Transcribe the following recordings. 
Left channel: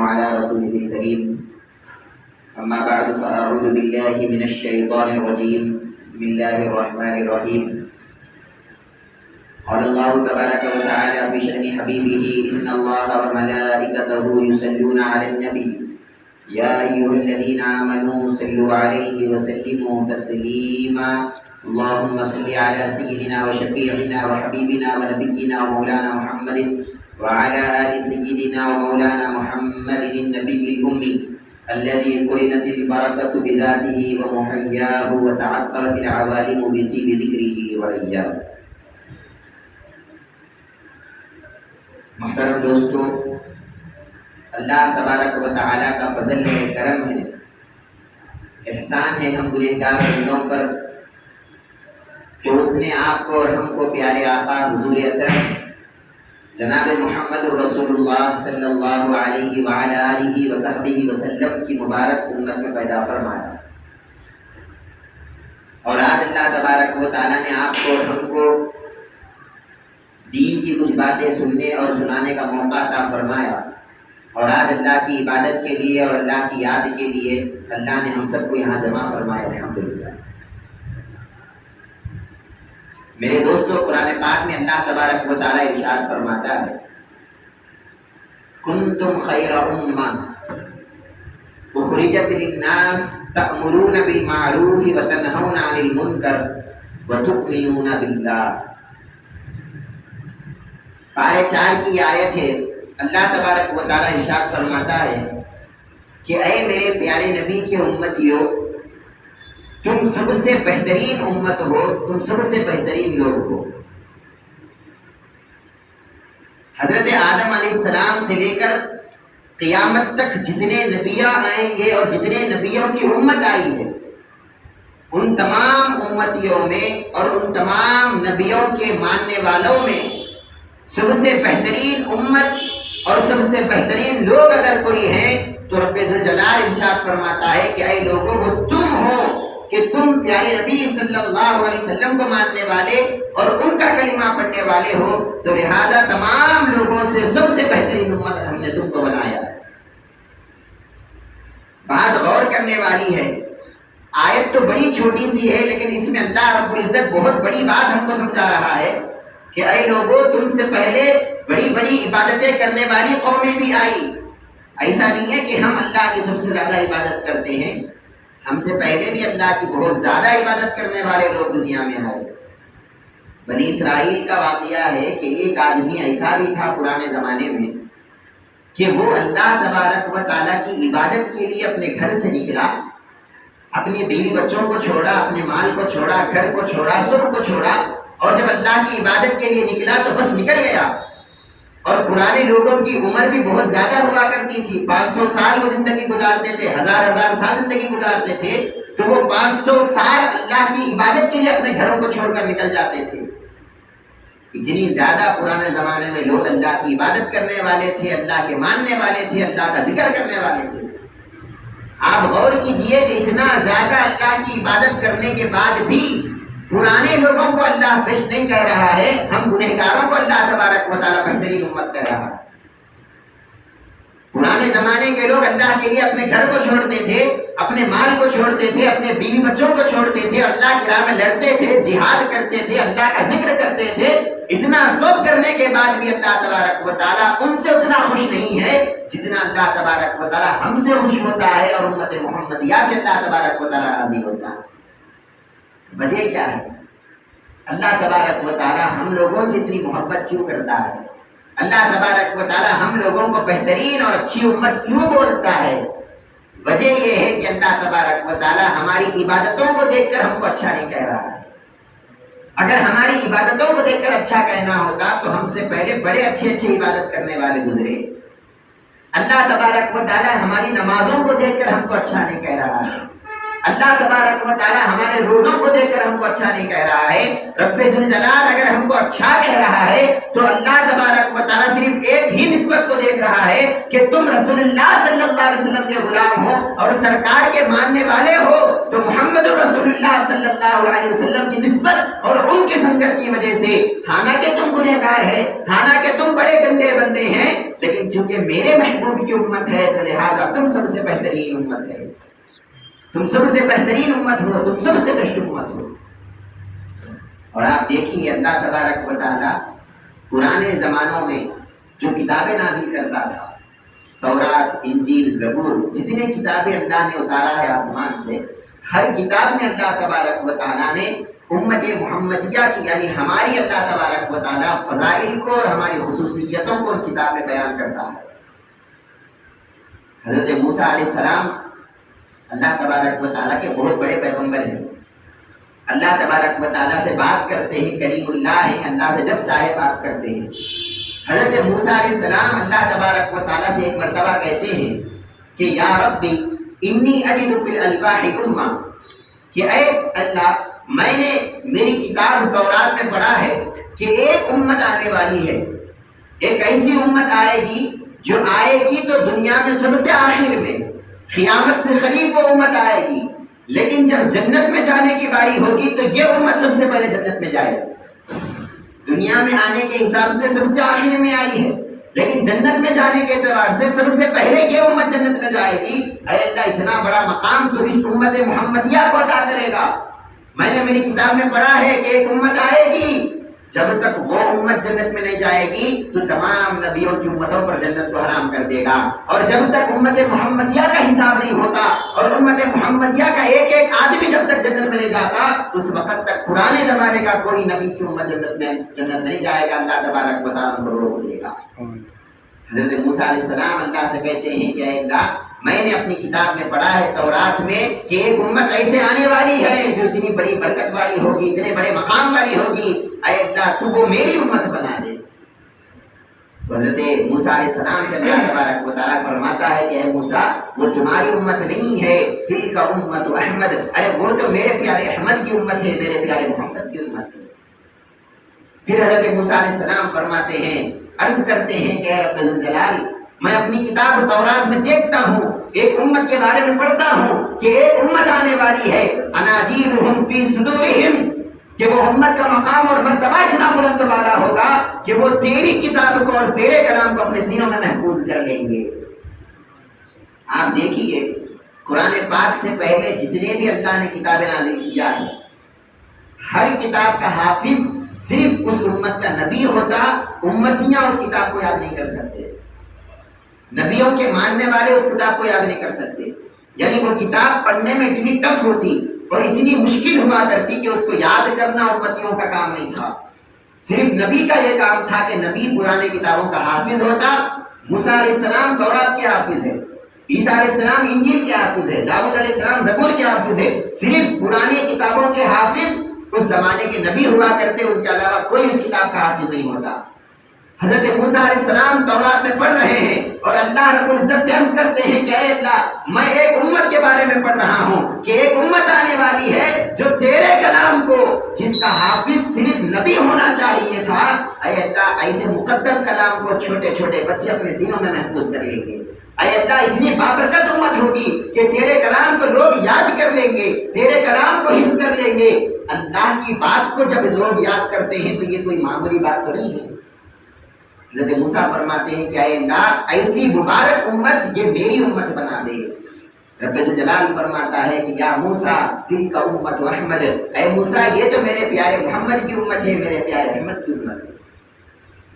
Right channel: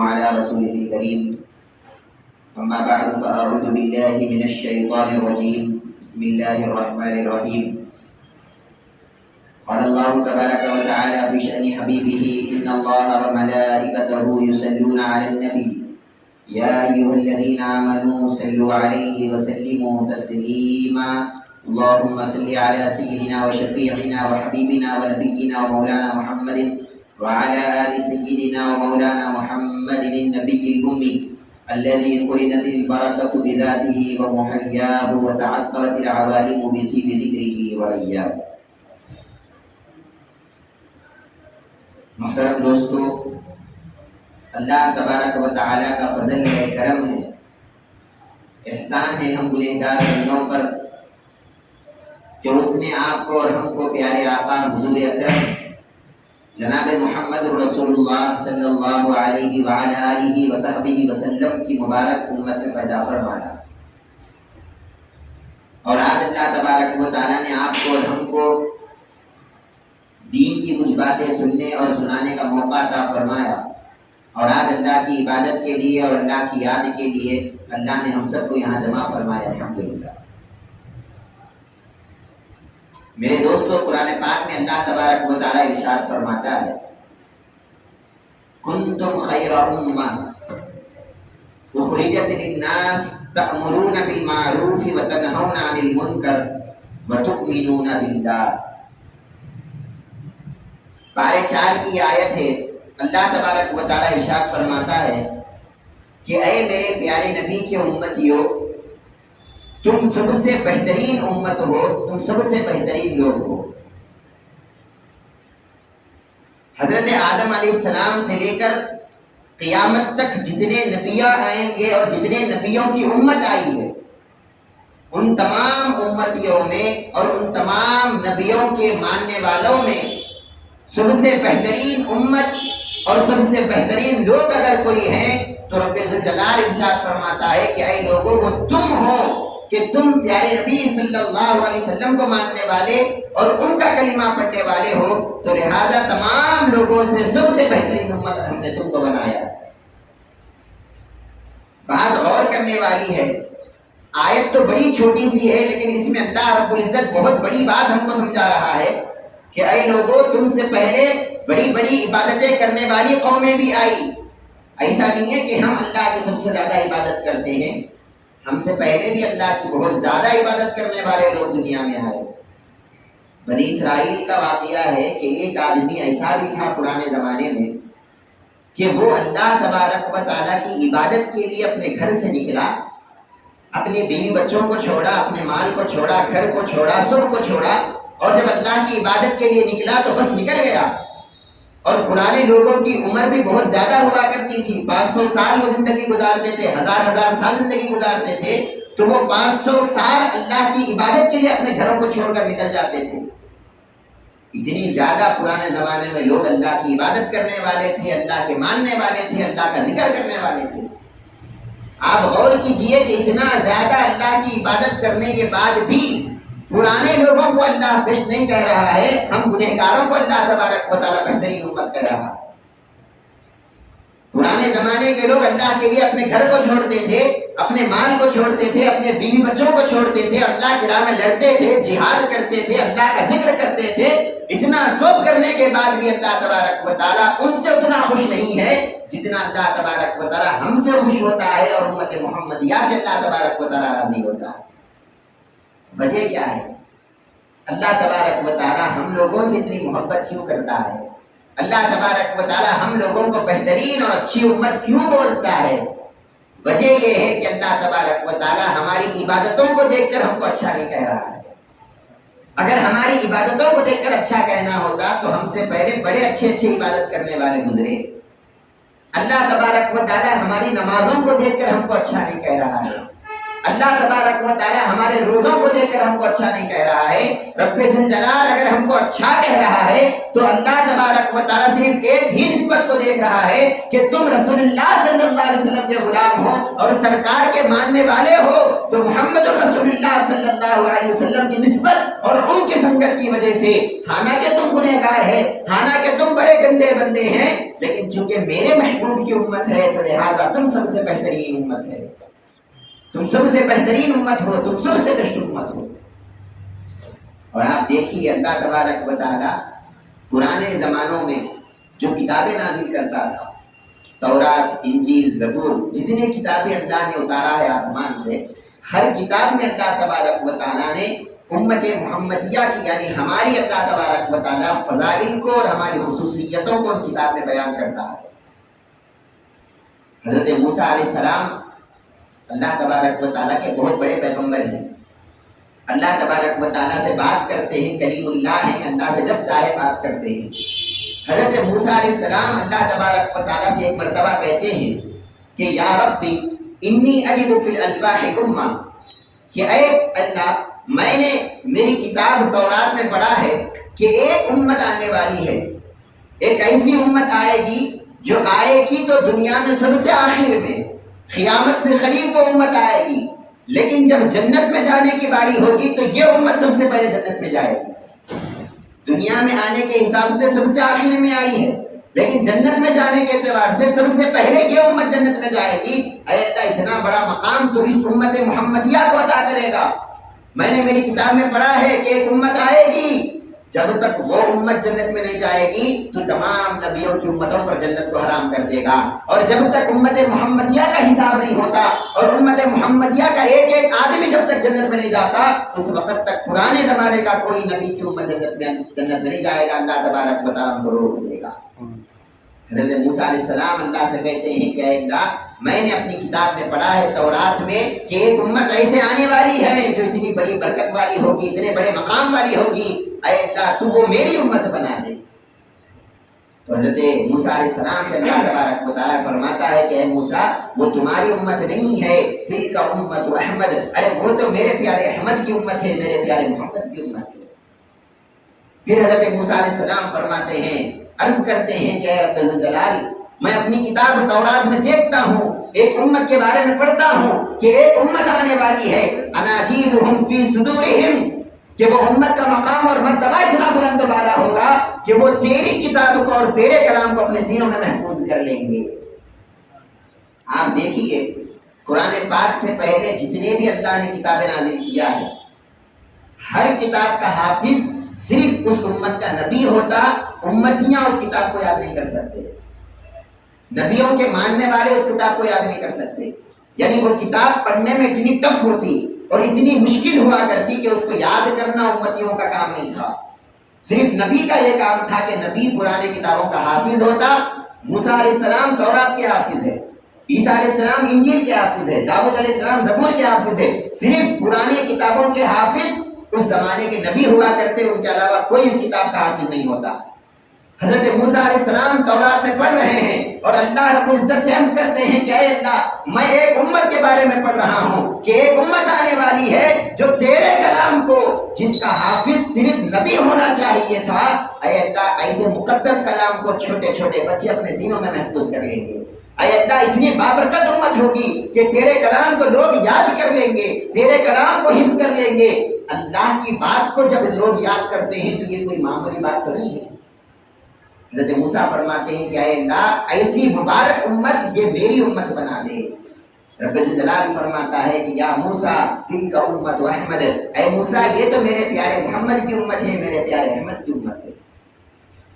على رسوله الكريم أما بعد فأعوذ بالله من الشيطان الرجيم بسم الله الرحمن الرحيم قال الله تبارك وتعالى في شأن حبيبه إن الله وملائكته يصلون على النبي يا أيها الذين آمنوا صلوا عليه وسلموا تسليما اللهم صل على سيدنا وشفيعنا وحبيبنا ونبينا ومولانا محمد وعلى آل سيدنا ومولانا محمد النبي الأمي الذي قرنت البركة بذاته ومحياه وتعطرت العوالم بطيب ذكره وإياه. محترم دوستو، اللہ تبارک و تعالیٰ کا فضل ہے، کرم ہے، احسان ہے ہم گنہگار بندوں پر کہ اس نے آپ کو اور ہم کو پیارے آقا حضور اکرم جناب محمد الرسول اللہ صلی اللہ علیہ وعلی آلہ وصحبہ وسلم کی مبارک امت میں پیدا فرمایا، اور آج اللہ تبارک و تعالیٰ نے آپ کو اور ہم کو دین کی کچھ باتیں سننے اور سنانے کا موقع عطا فرمایا، اور آج اللہ کی عبادت کے لیے اور اللہ کی یاد کے لیے اللہ نے ہم سب کو یہاں جمع فرمایا، الحمدللہ۔ میرے دوستو، قرآن پاک میں اللہ تبارک و تعالیٰ ارشاد فرماتا ہے کنتم خیر امہ اخرجت للناس تأمرون بالمعروف وتنہون عن المنکر وتؤمنون باللہ۔ پارے 4 کی آیت ہے، اللہ تبارک و تعالیٰ ارشاد فرماتا ہے کہ اے میرے پیارے نبی کے امتیوں، تم سب سے بہترین امت ہو، تم سب سے بہترین لوگ ہو۔ حضرت آدم علیہ السلام سے لے کر قیامت تک جتنے نبیاں آئیں گے اور جتنے نبیوں کی امت آئی ہے، ان تمام امتیوں میں اور ان تمام نبیوں کے ماننے والوں میں سب سے بہترین امت اور سب سے بہترین لوگ اگر کوئی ہیں تو رب ذوالجلال ارشاد فرماتا ہے کہ اے لوگوں وہ تم ہو کہ تم پیارے نبی صلی اللہ علیہ وسلم کو ماننے والے اور ان کا کلمہ پڑھنے والے ہو، تو لہٰذا تمام لوگوں سے سب سے بہترین امت ہم نے تم کو بنایا ہے۔ بات غور کرنے والی ہے، آیت تو بڑی چھوٹی سی ہے لیکن اس میں اللہ رب العزت بہت بڑی بات ہم کو سمجھا رہا ہے کہ اے لوگوں، تم سے پہلے بڑی بڑی عبادتیں کرنے والی قومیں بھی آئی۔ ایسا نہیں ہے کہ ہم اللہ کی سب سے زیادہ عبادت کرتے ہیں، ہم سے پہلے بھی اللہ کی بہت زیادہ عبادت کرنے والے لوگ دنیا میں آئے۔ بنی اسرائیل کا واقعہ ہے کہ ایک آدمی ایسا بھی تھا پرانے زمانے میں کہ وہ اللہ تبارک و تعالیٰ کی عبادت کے لیے اپنے گھر سے نکلا، اپنے بیوی بچوں کو چھوڑا، اپنے مال کو چھوڑا، گھر کو چھوڑا، سب کو چھوڑا، اور جب اللہ کی عبادت کے لیے نکلا تو بس نکل گیا۔ اور پرانے لوگوں کی عمر بھی بہت زیادہ ہوا کرتی تھی، 500 سال وہ زندگی گزارتے تھے، ہزار سال زندگی گزارتے تھے، تو وہ 500 سال اللہ کی عبادت کے لیے اپنے گھروں کو چھوڑ کر نکل جاتے تھے۔ اتنی زیادہ پرانے زمانے میں لوگ اللہ کی عبادت کرنے والے تھے، اللہ کے ماننے والے تھے، اللہ کا ذکر کرنے والے تھے۔ آپ غور کیجئے کہ اتنا زیادہ اللہ کی عبادت کرنے کے بعد بھی پرانے لوگوں کو اللہ بیسٹ نہیں کہہ رہا ہے، ہم گنہگاروں کو اللہ تبارک و تعالیٰ بہترین امت کہہ رہا ہے۔ پرانے زمانے کے لوگ اللہ کے لیے اپنے گھر کو چھوڑتے تھے، اپنے مال کو چھوڑتے تھے، اپنے بیوی بچوں کو چھوڑتے تھے، اللہ کی راہ میں لڑتے تھے، جہاد کرتے تھے، اللہ کا ذکر کرتے تھے۔ اتنا سب کرنے کے بعد بھی اللہ تبارک و تعالیٰ ان سے اتنا خوش نہیں ہے جتنا اللہ تبارک و تعالیٰ ہم سے خوش ہوتا ہے اور امت محمدیہ سے اللہ تبارک و تعالیٰ راضی ہوتا ہے۔ وجہ کیا ہے؟ اللہ تبارک و تعالیٰ ہم لوگوں سے اتنی محبت کیوں کرتا ہے؟ اللہ تبارک و تعالیٰ ہم لوگوں کو بہترین اور اچھی امت کیوں بولتا ہے؟ وجہ یہ ہے کہ اللہ تبارک و تعالیٰ ہماری عبادتوں کو دیکھ کر ہم کو اچھا نہیں کہہ رہا ہے۔ اگر ہماری عبادتوں کو دیکھ کر اچھا کہنا ہوتا تو ہم سے پہلے بڑے اچھے عبادت کرنے والے گزرے۔ اللہ تبارک و تعالیٰ ہماری نمازوں کو دیکھ کر ہم کو اچھا نہیں کہہ رہا ہے۔ اللہ تبارک و تعالیٰ ہمارے روزوں کو دیکھ کر ہم کو اچھا نہیں کہہ رہا ہے. رب ذوالجلال اگر ہم کو اچھا کہہ رہا ہے تو اللہ تبارک و تعالیٰ صرف ایک ہی نسبت کو دیکھ رہا ہے کہ تم رسول اللہ صلی اللہ علیہ وسلم کے غلام ہو اور سرکار کے ماننے والے ہو. تو محمد رسول اللہ صلی اللہ علیہ وسلم کی نسبت اور ان کی سنگت کی وجہ سے حالانکہ تم گنہگار ہے، حالانکہ تم بڑے گندے بندے ہیں، لیکن چونکہ میرے محبوب کی امت ہے تو لہذا تم سب سے بہترین امت ہے، تم سب سے بہترین امت ہو، تم سب سے بہتر امت ہو. اور آپ دیکھیے اللہ تبارک و تعالیٰ پرانے زمانوں میں جو کتابیں نازل کرتا تھا، تورات، انجیل، زبور، جتنے کتابیں اللہ نے اتارا ہے آسمان سے، ہر کتاب میں اللہ تبارک و تعالیٰ نے امت محمدیہ کی یعنی ہماری اللہ تبارک و تعالیٰ فضائل کو اور ہماری خصوصیتوں کو کتاب میں بیان کرتا ہے. حضرت موسیٰ علیہ السلام اللہ تبارک و تعالیٰ کے بہت بڑے پیغمبر ہیں. اللہ تبارک و تعالیٰ سے بات کرتے ہیں، کلیم اللہ ہیں، اللہ سے جب چاہے بات کرتے ہیں. حضرت موسیٰ علیہ السلام اللہ تبارک و تعالیٰ سے ایک مرتبہ کہتے ہیں کہ یا ربی انی اجد فی الالواح امہ، کہ اے اللہ میں نے میری کتاب تورات میں پڑھا ہے کہ ایک امت آنے والی ہے، ایک ایسی امت آئے گی جو آئے گی تو دنیا میں سب سے آخر میں، قیامت سے قریب وہ امت آئے گی، لیکن جب جنت میں جانے کی باری ہوگی تو یہ امت سب سے پہلے جنت میں جائے گی. دنیا میں آنے کے حساب سے سب سے آخر میں آئی ہے، لیکن جنت میں جانے کے اعتبار سے سب سے پہلے یہ امت جنت میں جائے گی. اے اللہ اتنا بڑا مقام تو اس امت محمدیہ کو عطا کرے گا. میں نے میری کتاب میں پڑھا ہے کہ ایک امت آئے گی، جب تک وہ امت جنت میں نہیں جائے گی تو تمام نبیوں کی امتوں پر جنت کو حرام کر دے گا. اور جب تک امت محمدیہ کا حساب نہیں ہوتا اور امت محمدیہ کا ایک ایک آدمی جب تک جنت میں نہیں جاتا اس وقت تک پرانے زمانے کا کوئی نبی کی امت جنت میں نہیں جائے گا. اللہ تبارک و تعالیٰ کو روک دے گا. حضرت موسیٰ علیہ السلام اللہ سے کہتے ہیں کہ اے اللہ میں نے اپنی کتاب میں پڑھا ہے تورات میں کہ ایک امت ایسے آنے والی ہے جو اتنی بڑی برکت والی ہوگی، اتنے بڑے مقام والی ہوگی. اے اللہ تو وہ میری امت بنا دے. حضرت موسیٰ علیہ السلام سے اللہ تبارک و تعالیٰ فرماتا ہے کہ اے موسیٰ وہ تمہاری امت نہیں ہے، تلک امت احمد، ارے وہ تو میرے پیارے احمد کی امت ہے، میرے پیارے محمد کی امت ہے. پھر حضرت موسیٰ علیہ السلام فرماتے ہیں، عرض کرتے ہیں کہ اے رب ذوالجلال میں اپنی کتاب تورات میں دیکھتا ہوں، ایک امت کے بارے میں پڑھتا ہوں کہ ایک امت آنے والی ہے، اناجیلہم فی صدورہم، کہ وہ امت کا مقام اور مرتبہ اتنا بلند والا ہوگا کہ وہ تیری کتاب کو اور تیرے کلام کو اپنے سینوں میں محفوظ کر لیں گے. آپ دیکھیے قرآن پاک سے پہلے جتنے بھی اللہ نے کتابیں نازل کیا ہے، ہر کتاب کا حافظ صرف اس امت کا نبی ہوتا. امتیاں اس کتاب کو یاد نہیں کر سکتے، نبیوں کے ماننے والے اس کتاب کو یاد نہیں کر سکتے. یعنی وہ کتاب پڑھنے میں اتنی ٹف ہوتی اور اتنی مشکل ہوا کرتی کہ اس کو یاد کرنا امتیوں کا کام نہیں تھا. صرف نبی کا یہ کام تھا کہ نبی پرانے کتابوں کا حافظ ہوتا. موسیٰ علیہ السلام تورات کے حافظ ہے، عیسیٰ علیہ السلام انجیل کے حافظ ہے، داؤد علیہ السلام زبور کے حافظ ہے. صرف پرانی کتابوں کے حافظ اس زمانے کے نبی ہوا کرتے، ان کے علاوہ کوئی اس کتاب کا حافظ نہیں ہوتا. حضرت موسیٰ علیہ السلام تورات میں پڑھ رہے ہیں اور اللہ رب العزت سے عرض کرتے ہیں کہ اے اللہ میں ایک امت کے بارے میں پڑھ رہا ہوں کہ ایک امت آنے والی ہے جو تیرے کلام کو، جس کا حافظ صرف نبی ہونا چاہیے تھا، اے اللہ ایسے مقدس کلام کو چھوٹے چھوٹے بچے اپنے سینوں میں محفوظ کر لیں گے. اے اللہ اتنی بابرکت امت ہوگی کہ تیرے کلام کو لوگ یاد کر لیں گے، تیرے کلام کو حفظ کر لیں گے. اللہ کی بات کو جب لوگ یاد کرتے ہیں تو یہ کوئی معمولی بات تو نہیں ہے. حضرت موسیٰ فرماتے ہیں کہ اے اللہ ایسی مبارک امت یہ میری امت بنا دے. رب ذوالجلال فرماتا ہے کہ یا موسیٰ تلک امت احمد، اے موسیٰ یہ تو میرے پیارے محمد کی امت ہے، میرے پیارے احمد کی امت ہے.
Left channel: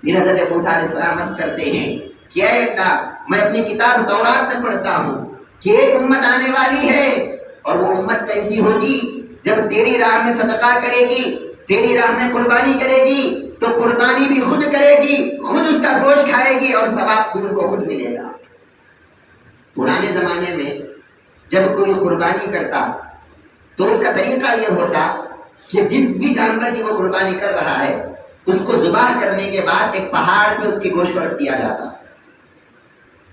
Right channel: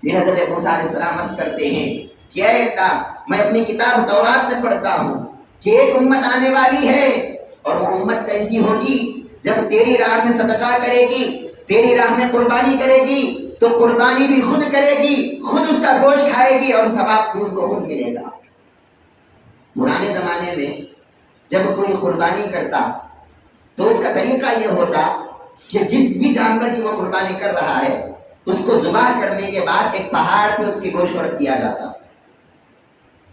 پھر حضرت موسیٰ علیہ السلام عرض کرتے ہیں کہ اے اللہ میں اپنی کتاب تورات میں پڑھتا ہوں کہ ایک امت آنے والی ہے اور وہ امت کیسی ہوگی جب تیری راہ میں صدقہ کرے گی، تیری راہ میں قربانی کرے گی تو قربانی بھی خود کرے گی، خود اس کا گوشت کھائے گی اور ثواب ان کو خود ملے گا. پرانے زمانے میں جب کوئی قربانی کرتا تو اس کا طریقہ یہ ہوتا کہ جس بھی جانور کی وہ قربانی کر رہا ہے اس کو ذبح کرنے کے بعد ایک پہاڑ پہ اس کے گوشت کو رکھ دیا جاتا.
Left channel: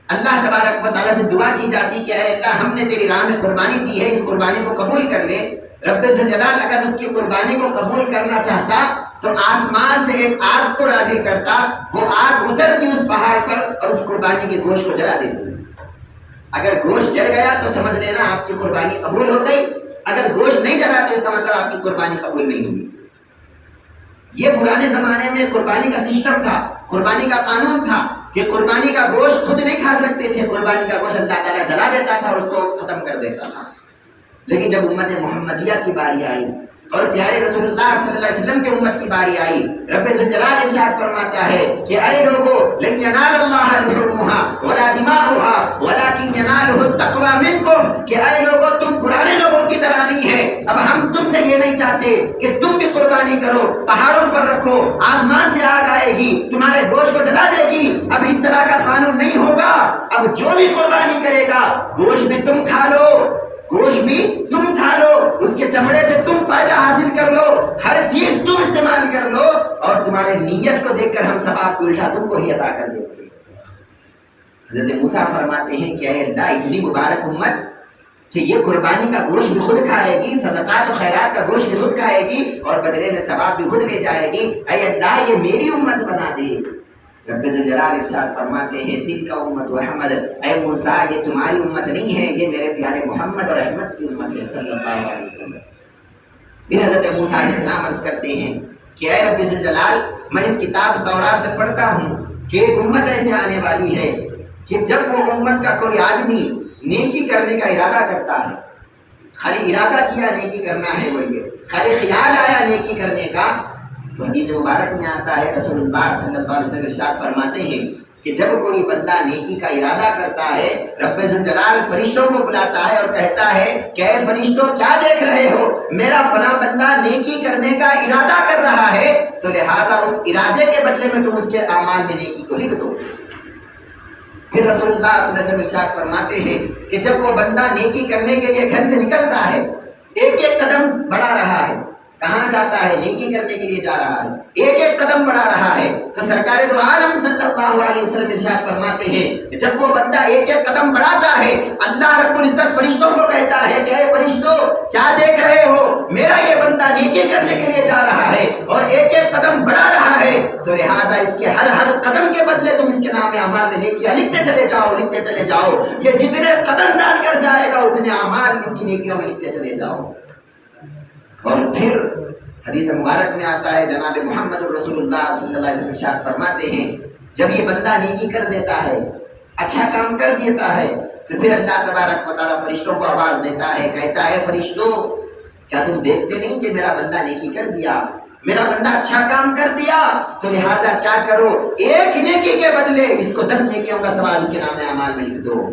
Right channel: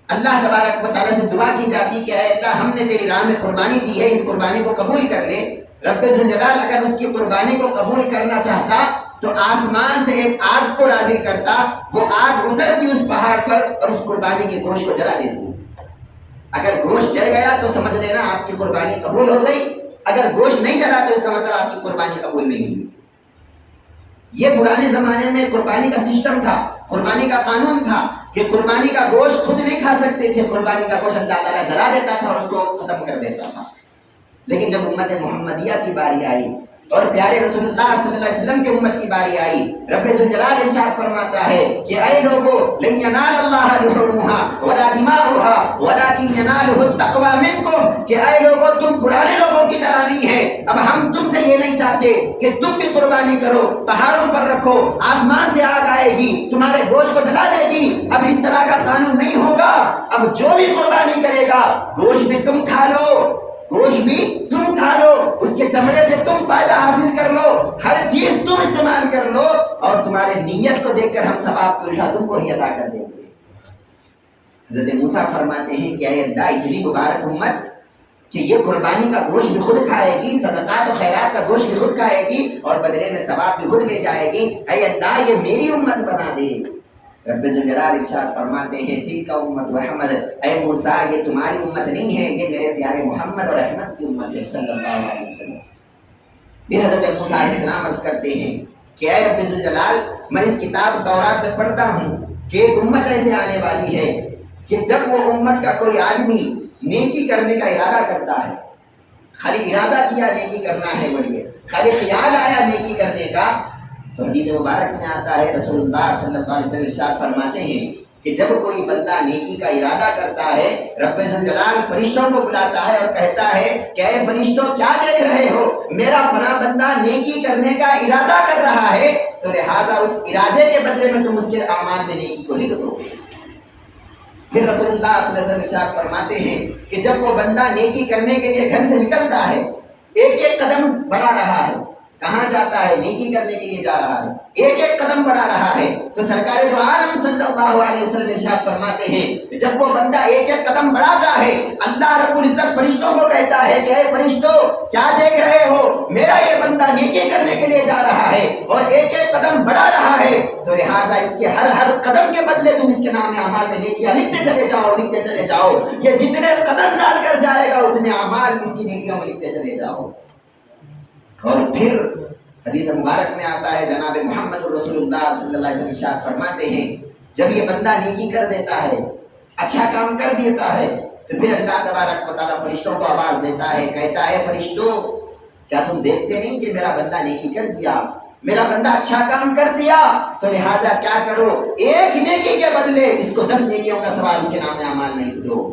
اللہ تبارک و تعالیٰ سے دعا کی جاتی کہ اے اللہ ہم نے تیری راہ میں قربانی دی ہے، اس قربانی کو قبول کر لے۔ رب ذوالجلال اگر اس کی قربانی کو قبول کرنا چاہتا تو آسمان سے ایک آگ کو نازل کرتا، وہ آگ اترتی اس پہاڑ پر اور اس قربانی کے گوشت کو جلا دیتی۔ اگر گوشت جل گیا تو سمجھ لینا آپ کی قربانی قبول ہو گئی، اگر گوشت نہیں جلا تو اس کا مطلب آپ کی قربانی قبول نہیں ہوئی۔ یہ پرانے زمانے میں قربانی کا سسٹم تھا، قربانی کا قانون تھا کہ قربانی کا گوشت خود نہیں کھا سکتے تھے، قربانی کا گوشت اللہ تعالیٰ جلا دیتا تھا اور اس کو ختم کر دیتا تھا۔ لیکن جب امت محمدیہ کی باری آئی اور پیارے رسول اللہ صلی اللہ علیہ وسلم کی امت کی باری آئی، رب ذوالجلال ارشاد فرماتا ہے کہ اے لوگو لن ینال اللہ لحومها ولا دماؤها ولکن ینالہ التقوی منکم، کہ اے لوگو تم پرانے لوگوں کی طرح نہیں ہے، اب ہم تم سے یہ نہیں چاہتے کہ تم بھی قربانی کرو، پہاڑوں پر رکھو، آسمان سے آگ آئے گی تمہارے گوشت کو جلا دے گی، اب اس طرح کا قانون نہیں ہوگا۔ اب جو بھی قربانی کرے گا گوشت بھی تم کھا لو، گوشت بھی تم کھا لو، اس کے چمڑے سے تم فائدہ حاصل کر لو، ہر چیز تم استعمال کر لو، اور تمہارے نیت کو دیکھ کر ہم ثواب کو الٹا تم کو ہی عطا کر دیں گے۔ حضرت موسیٰ فرماتے ہیں کہ اے اللہ اتنی مبارک امت کہ یہ قربانی کا گوشت بھی خود کھائے گی، صدقات و خیرات کا گوشت بھی خود کھائے گی اور بدلے میں ثواب بھی خود لے جائے گی، اے اللہ یہ میری امت بنا دے۔ رب ذوالجلال ارشاد فرماتے ہیں تلک امت احمد، اے موسیٰ یہ تمہاری امت نہیں ہے، یہ میرے پیارے محمد اور احمد کی امت ہے صلی اللہ علیہ وسلم۔ پھر حضرت موسیٰ علیہ السلام عرض کرتے ہیں کہ اے رب ذوالجلال میں اس کتاب تورات میں پڑھتا ہوں کہ ایک امت ایسے آنے والی ہے کہ جب وہ امت کا کوئی آدمی نیکی کرنے کا ارادہ کرتا ہے، خالی ارادہ کیا نیکی کرنا ہے، وہ یہ خالی خیال آیا نیکی کرنے کا، تو حدیث مبارک میں آتا ہے رسول اللہ صلی اللہ علیہ وسلم ارشاد فرماتے ہیں کہ جب کوئی بندہ نیکی کا ارادہ کرتا ہے رب ذوالجلال فرشتوں کو بلاتا ہے اور کہتا ہے کہ اے فرشتوں کیا دیکھ رہے ہو، میرا فلاں بندہ نیکی کرنے کا ارادہ کر رہا ہے، تو لہٰذا اس ارادے کے بدلے میں تم اس کے اعمال میں نیکی کو لکھ دو۔ پھر رسول اللہ صلی اللہ علیہ وسلم ارشاد فرماتے ہیں کہ جب وہ بندہ نیکی کرنے کے لیے گھر سے نکلتا ہے، ایک ایک قدم بڑھا رہا ہے، کہاں جاتا ہے؟ نیکی کرنے کے لیے جا رہا ہے، ایک ایک قدم بڑھا رہا ہے، تو سرکار دو عالم صلی اللہ علیہ وسلم ارشاد فرماتے ہیں جب وہ بندہ ایک ایک قدم بڑھاتا ہے اللہ رب العزت فرشتوں کو کہتا ہے کہ اے فرشتوں کیا دیکھ رہے ہو، میرا یہ بندہ نیکی کرنے کے لیے جا رہا ہے اور ایک ایک قدم بڑھا رہا ہے، تو لہٰذا اس کے ہر قدم کے بدلے تم اس کے نام اعمال میں نیکیاں لکھتے چلے جاؤ، لکھتے چلے جاؤ، یہ جتنے قدم ڈال کر جائے گا اتنے اعمال اس کی نیکیوں میں لکھتے چلے جاؤ۔ اور پھر حدیث مبارک میں آتا ہے جناب محمد رسول اللہ صلی اللہ علیہ وسلم ارشاد فرماتے ہیں جب یہ بندہ نیکی کر دیتا ہے، اچھا کام کر دیتا ہے، تو پھر اللہ تبارک و تعالیٰ فرشتوں کو آواز دیتا ہے، کہتا ہے فرشتوں کیا تم دیکھتے نہیں کہ میرا بندہ نیکی کر دیا، میرا بندہ اچھا کام کر دیا، تو لہٰذا کیا کرو ایک نیکی کے بدلے اس کو 10 نیکیوں کا ثواب اس کے نام اعمال میں لکھ دو۔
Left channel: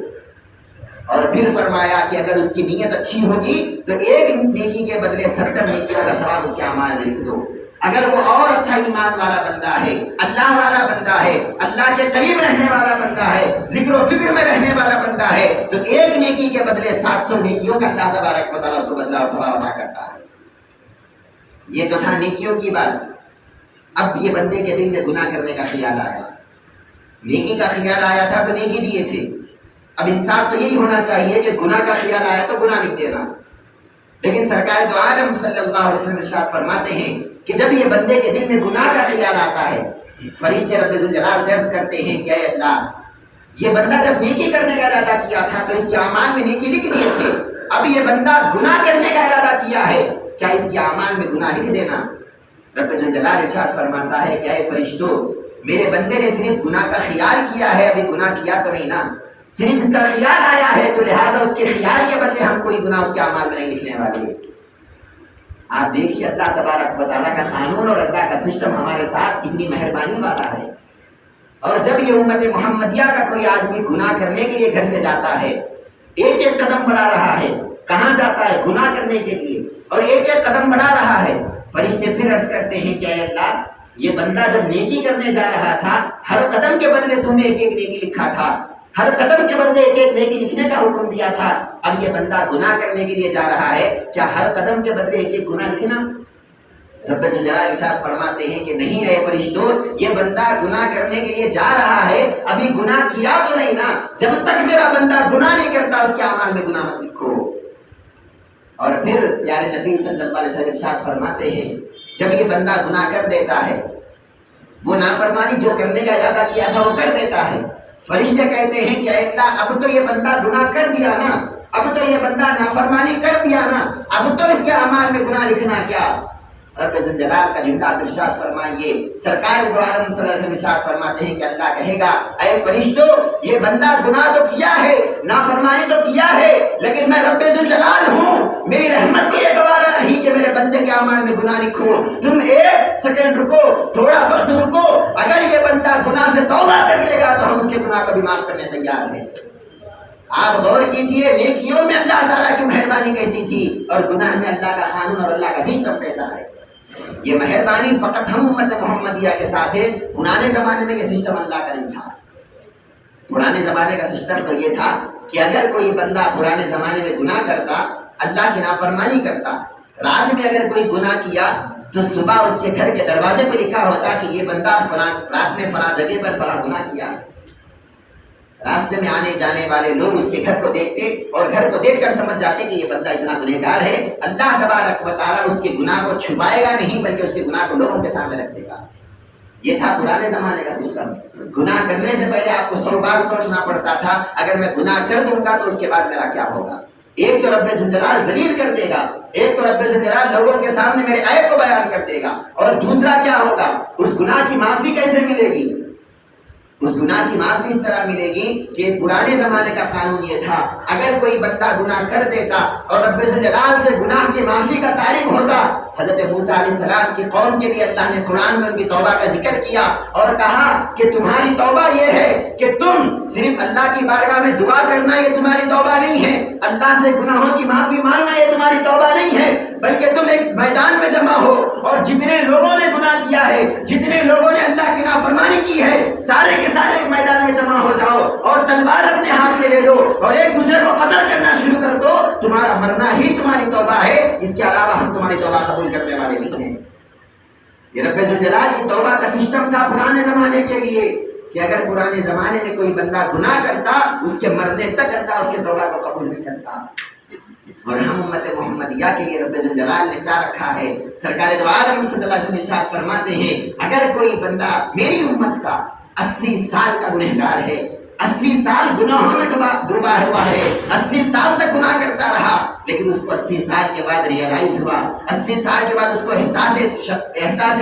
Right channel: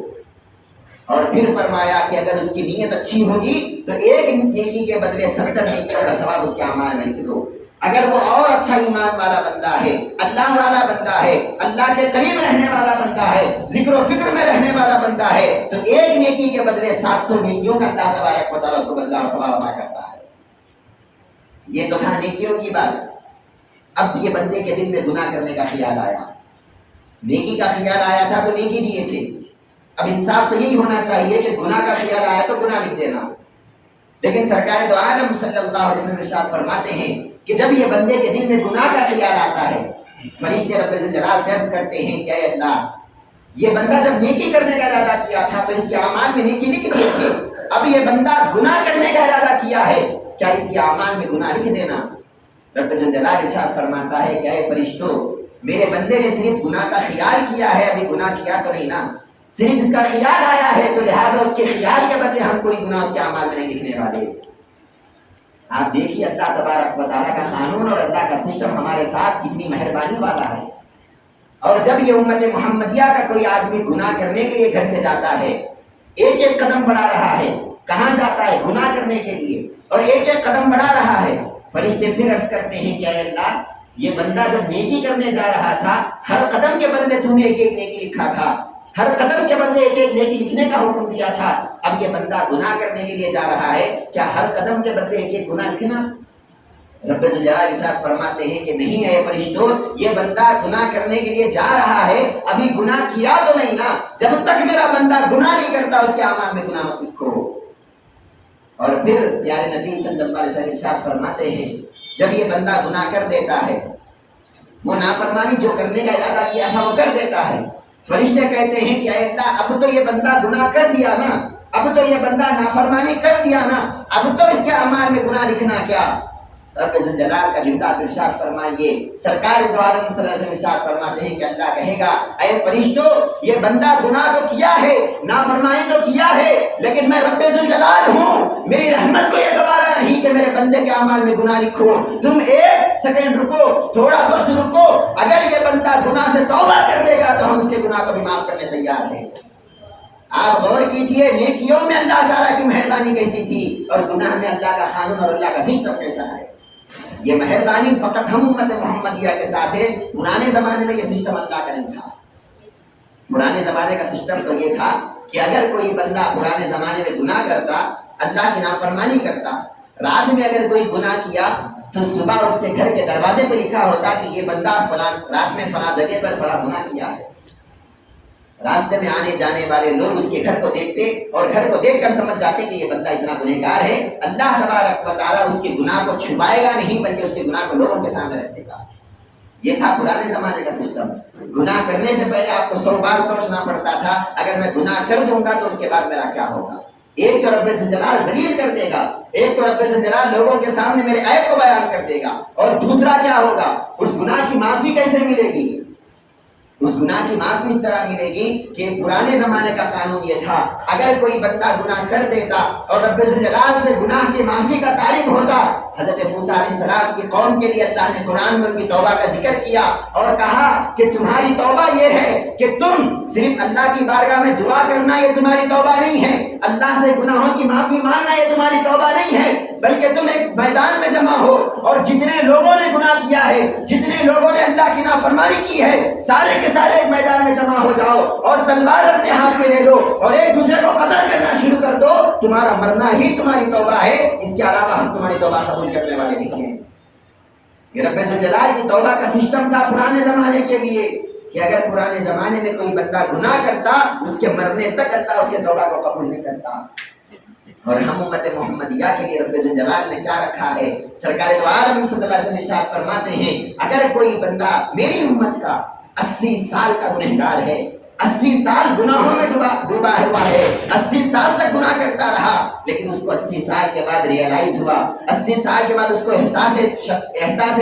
اور پھر فرمایا کہ اگر اس کی نیت اچھی ہوگی تو ایک نیکی کے بدلے 70 نیکیوں کا ثواب اس کے اعمال میں لکھ دو۔ اگر وہ اور اچھا ایمان والا بندہ ہے، اللہ والا بندہ ہے، اللہ کے قریب رہنے والا بندہ ہے، ذکر و فکر میں رہنے والا بندہ ہے، تو ایک نیکی کے بدلے 700 نیکیوں کا اللہ تبارک و تعالیٰ اس کو بدلہ اور ثواب عطا کرتا ہے۔ یہ تو تھا نیکیوں کی بات۔ اب یہ بندے کے دل میں گناہ کرنے کا خیال آیا، نیکی کا خیال آیا تھا تو نیکی دیے تھے، اب انصاف تو یہی ہونا چاہیے کہ گناہ کا خیال آیا تو گناہ لکھ دینا، لیکن سرکار دو عالم صلی اللہ علیہ وسلم ارشاد فرماتے ہیں کہ جب یہ بندے کے دل میں گناہ کا خیال آتا ہے فرشتے رب ذوالجلال سے عرض کرتے ہیں کہ اے اللہ یہ بندہ جب نیکی کرنے کا ارادہ کیا تھا تو اس کے اعمال میں نیکی لکھ دیے تھے، اب یہ بندہ گناہ کرنے کا ارادہ کیا ہے، کیا اس کے اعمال میں گناہ لکھ دینا؟ رب ذوالجلال ارشاد فرماتا ہے کہ اے فرشتوں میرے بندے نے صرف گناہ کا خیال کیا ہے، ابھی گناہ کیا تو نہیں نا، صرف اس کا خیال آیا ہے، تو لہٰذا اس کے خیال کے بدلے ہم کوئی گناہ اس کے اعمال میں نہیں لکھنے والے۔ آپ دیکھیے اللہ تبارک و تعالیٰ کا قانون اور اللہ کا سسٹم ہمارے ساتھ کتنی مہربانی والا ہے۔ اور جب یہ امت محمدیہ کا کوئی آدمی گناہ کرنے کے لیے گھر سے جاتا ہے، ایک ایک قدم بڑھا رہا ہے، کہاں جاتا ہے؟ گناہ کرنے کے لیے، اور ایک ایک قدم بڑھا رہا ہے، فرشتے پھر عرض کرتے ہیں کہ اے اللہ یہ بندہ جب نیکی کرنے جا رہا تھا ہر قدم کے بدلے تو نے ایک ایک نیکی لکھا تھا، ہر قدم کے بدلے ایک ایک نیکی لکھنے کا حکم دیا تھا، اب یہ بندہ گناہ کرنے کے لیے جا رہا ہے، کیا ہر قدم کے بدلے ایک ایک گناہ لکھنا؟ رب ذوالجلال ارشاد فرماتے ہیں کہ نہیں اے فرشتوں، یہ بندہ گناہ کرنے کے لیے جا رہا ہے، ابھی گناہ کیا تو نہیں نا، جب تک میرا بندہ گناہ نہیں کرتا اس کے اعمال میں گناہ مت لکھو۔ اور پھر پیارے نبی صلی اللہ علیہ وسلم ارشاد فرماتے ہیں جب یہ بندہ گناہ کر دیتا ہے، وہ نافرمانی جو کرنے کا ارادہ کیا تھا وہ کر دیتا ہے، فرشتے کہتے ہیں کہ اے اللہ اب تو یہ بندہ گناہ کر دیا نا، اب تو یہ بندہ نافرمانی کر دیا نا، اب تو اس کے اعمال میں گناہ لکھنا کیا؟ رب ذوالجلال کا جملہ ارشاد فرمائیے، سرکار دو عالم صلی اللہ علیہ وسلم ارشاد فرماتے ہیں کہ اللہ کہے گا اے فرشتوں، یہ بندہ گناہ تو کیا ہے، نافرمانی تو کیا ہے، لیکن میں رب ذوالجلال ہوں، میری رحمت کو یہ گوارا نہیں کہ میرے بندے کے اعمال میں گناہ لکھو۔ تم ایک سیکنڈ رکو، تھوڑا وقت رکو، اگر یہ بندہ گناہ سے توبہ کر لے گا تو ہم اس کے گناہ کو بھی معاف کرنے تیار ہیں۔ آپ غور کیجئے نیکیوں میں اللہ تعالیٰ کی مہربانی کیسی تھی اور گناہ میں اللہ کا قانون اور اللہ کا سسٹم کیسا ہے۔ یہ مہربانی فقط ہم امت محمدیہ کے ساتھ ہے، پرانے زمانے میں یہ سسٹم اللہ کا نہیں تھا۔ پرانے زمانے کا سسٹم تو یہ تھا کہ اگر کوئی بندہ پرانے زمانے میں گناہ کرتا، اللہ کی نافرمانی کرتا، رات میں اگر کوئی گناہ کیا تو صبح اس کے گھر کے دروازے پہ لکھا ہوتا کہ یہ بندہ فلاں رات میں فلاں جگہ پر فلاں گناہ کیا ہے۔ راستے میں آنے جانے والے لوگ اس کے گھر کو دیکھتے اور گھر کو دیکھ کر سمجھ جاتے کہ یہ بندہ اتنا گنہگار ہے، اللہ تبارک و تعالیٰ اس کے گناہ کو چھپائے گا نہیں بلکہ اس کے گناہ کو لوگوں کے سامنے رکھ دے گا۔ یہ تھا پرانے زمانے کا سسٹم۔ گناہ کرنے سے پہلے آپ کو 100 بار سوچنا پڑتا تھا اگر میں گناہ کر دوں گا تو اس کے بعد میرا کیا ہوگا۔ ایک تو رب ذوالجلال ذلیل کر دے گا، ایک تو رب ذوالجلال لوگوں کے سامنے میرے عیب کو بیان کر دے گا، اور دوسرا کیا ہوگا، اس گناہ کی معافی کیسے ملے گی؟ اس گناہ کی معافی اس طرح ملے گی کہ پرانے زمانے کا قانون یہ تھا اگر کوئی بندہ گناہ کر دیتا اور رب ذوالجلال سے گناہ کی معافی کا طالب ہوتا، حضرت موسیٰ علیہ السلام کی قوم کے لیے اللہ نے قرآن میں ان کی توبہ کا ذکر کیا اور کہا کہ تمہاری توبہ یہ ہے کہ تم صرف اللہ کی بارگاہ میں دعا کرنا یہ تمہاری توبہ نہیں ہے، اللہ سے گناہوں کی معافی مانگنا یہ تمہاری توبہ نہیں ہے، بلکہ تم ایک میدان میں جمع ہو اور جتنے لوگوں نے گناہ کیا ہے، جتنے لوگوں نے اللہ کی نافرمانی کی ہے، سارے کے سارے ایک میدان میں جمع ہو جاؤ اور تلوار اپنے ہاتھ میں لے لو اور ایک دوسرے کو قتل کرنا شروع کر دو، تمہارا مرنا ہی تمہاری توبہ ہے، اس کے علاوہ ہم تمہاری توبہ قبول کرنے والے نہیں ہیں۔ یہ رب ذوالجلال کی توبہ کا سسٹم تھا پرانے زمانے کے لیے کہ اگر پرانے زمانے میں کوئی بندہ گناہ کرتا اس کے مرنے تک اللہ اس کے توبہ کو قبول نہیں کرتا۔ اور ہم امت محمدیہ کے لیے رب ذوالجلال نے کیا رکھا ہے؟ سرکار دو عالم صلی اللہ علیہ وسلم ارشاد فرماتے ہیں اگر کوئی بندہ میری امت کا 80 سال کا گنہگار ہے، 80 سال گناہوں میں ڈوبا ہوا ہے، 80 سال تک گناہ کرتا رہا، لیکن اس کو 80 سال کے بعد ریئلائز ہوا، 80 سال کے بعد اس کو احساس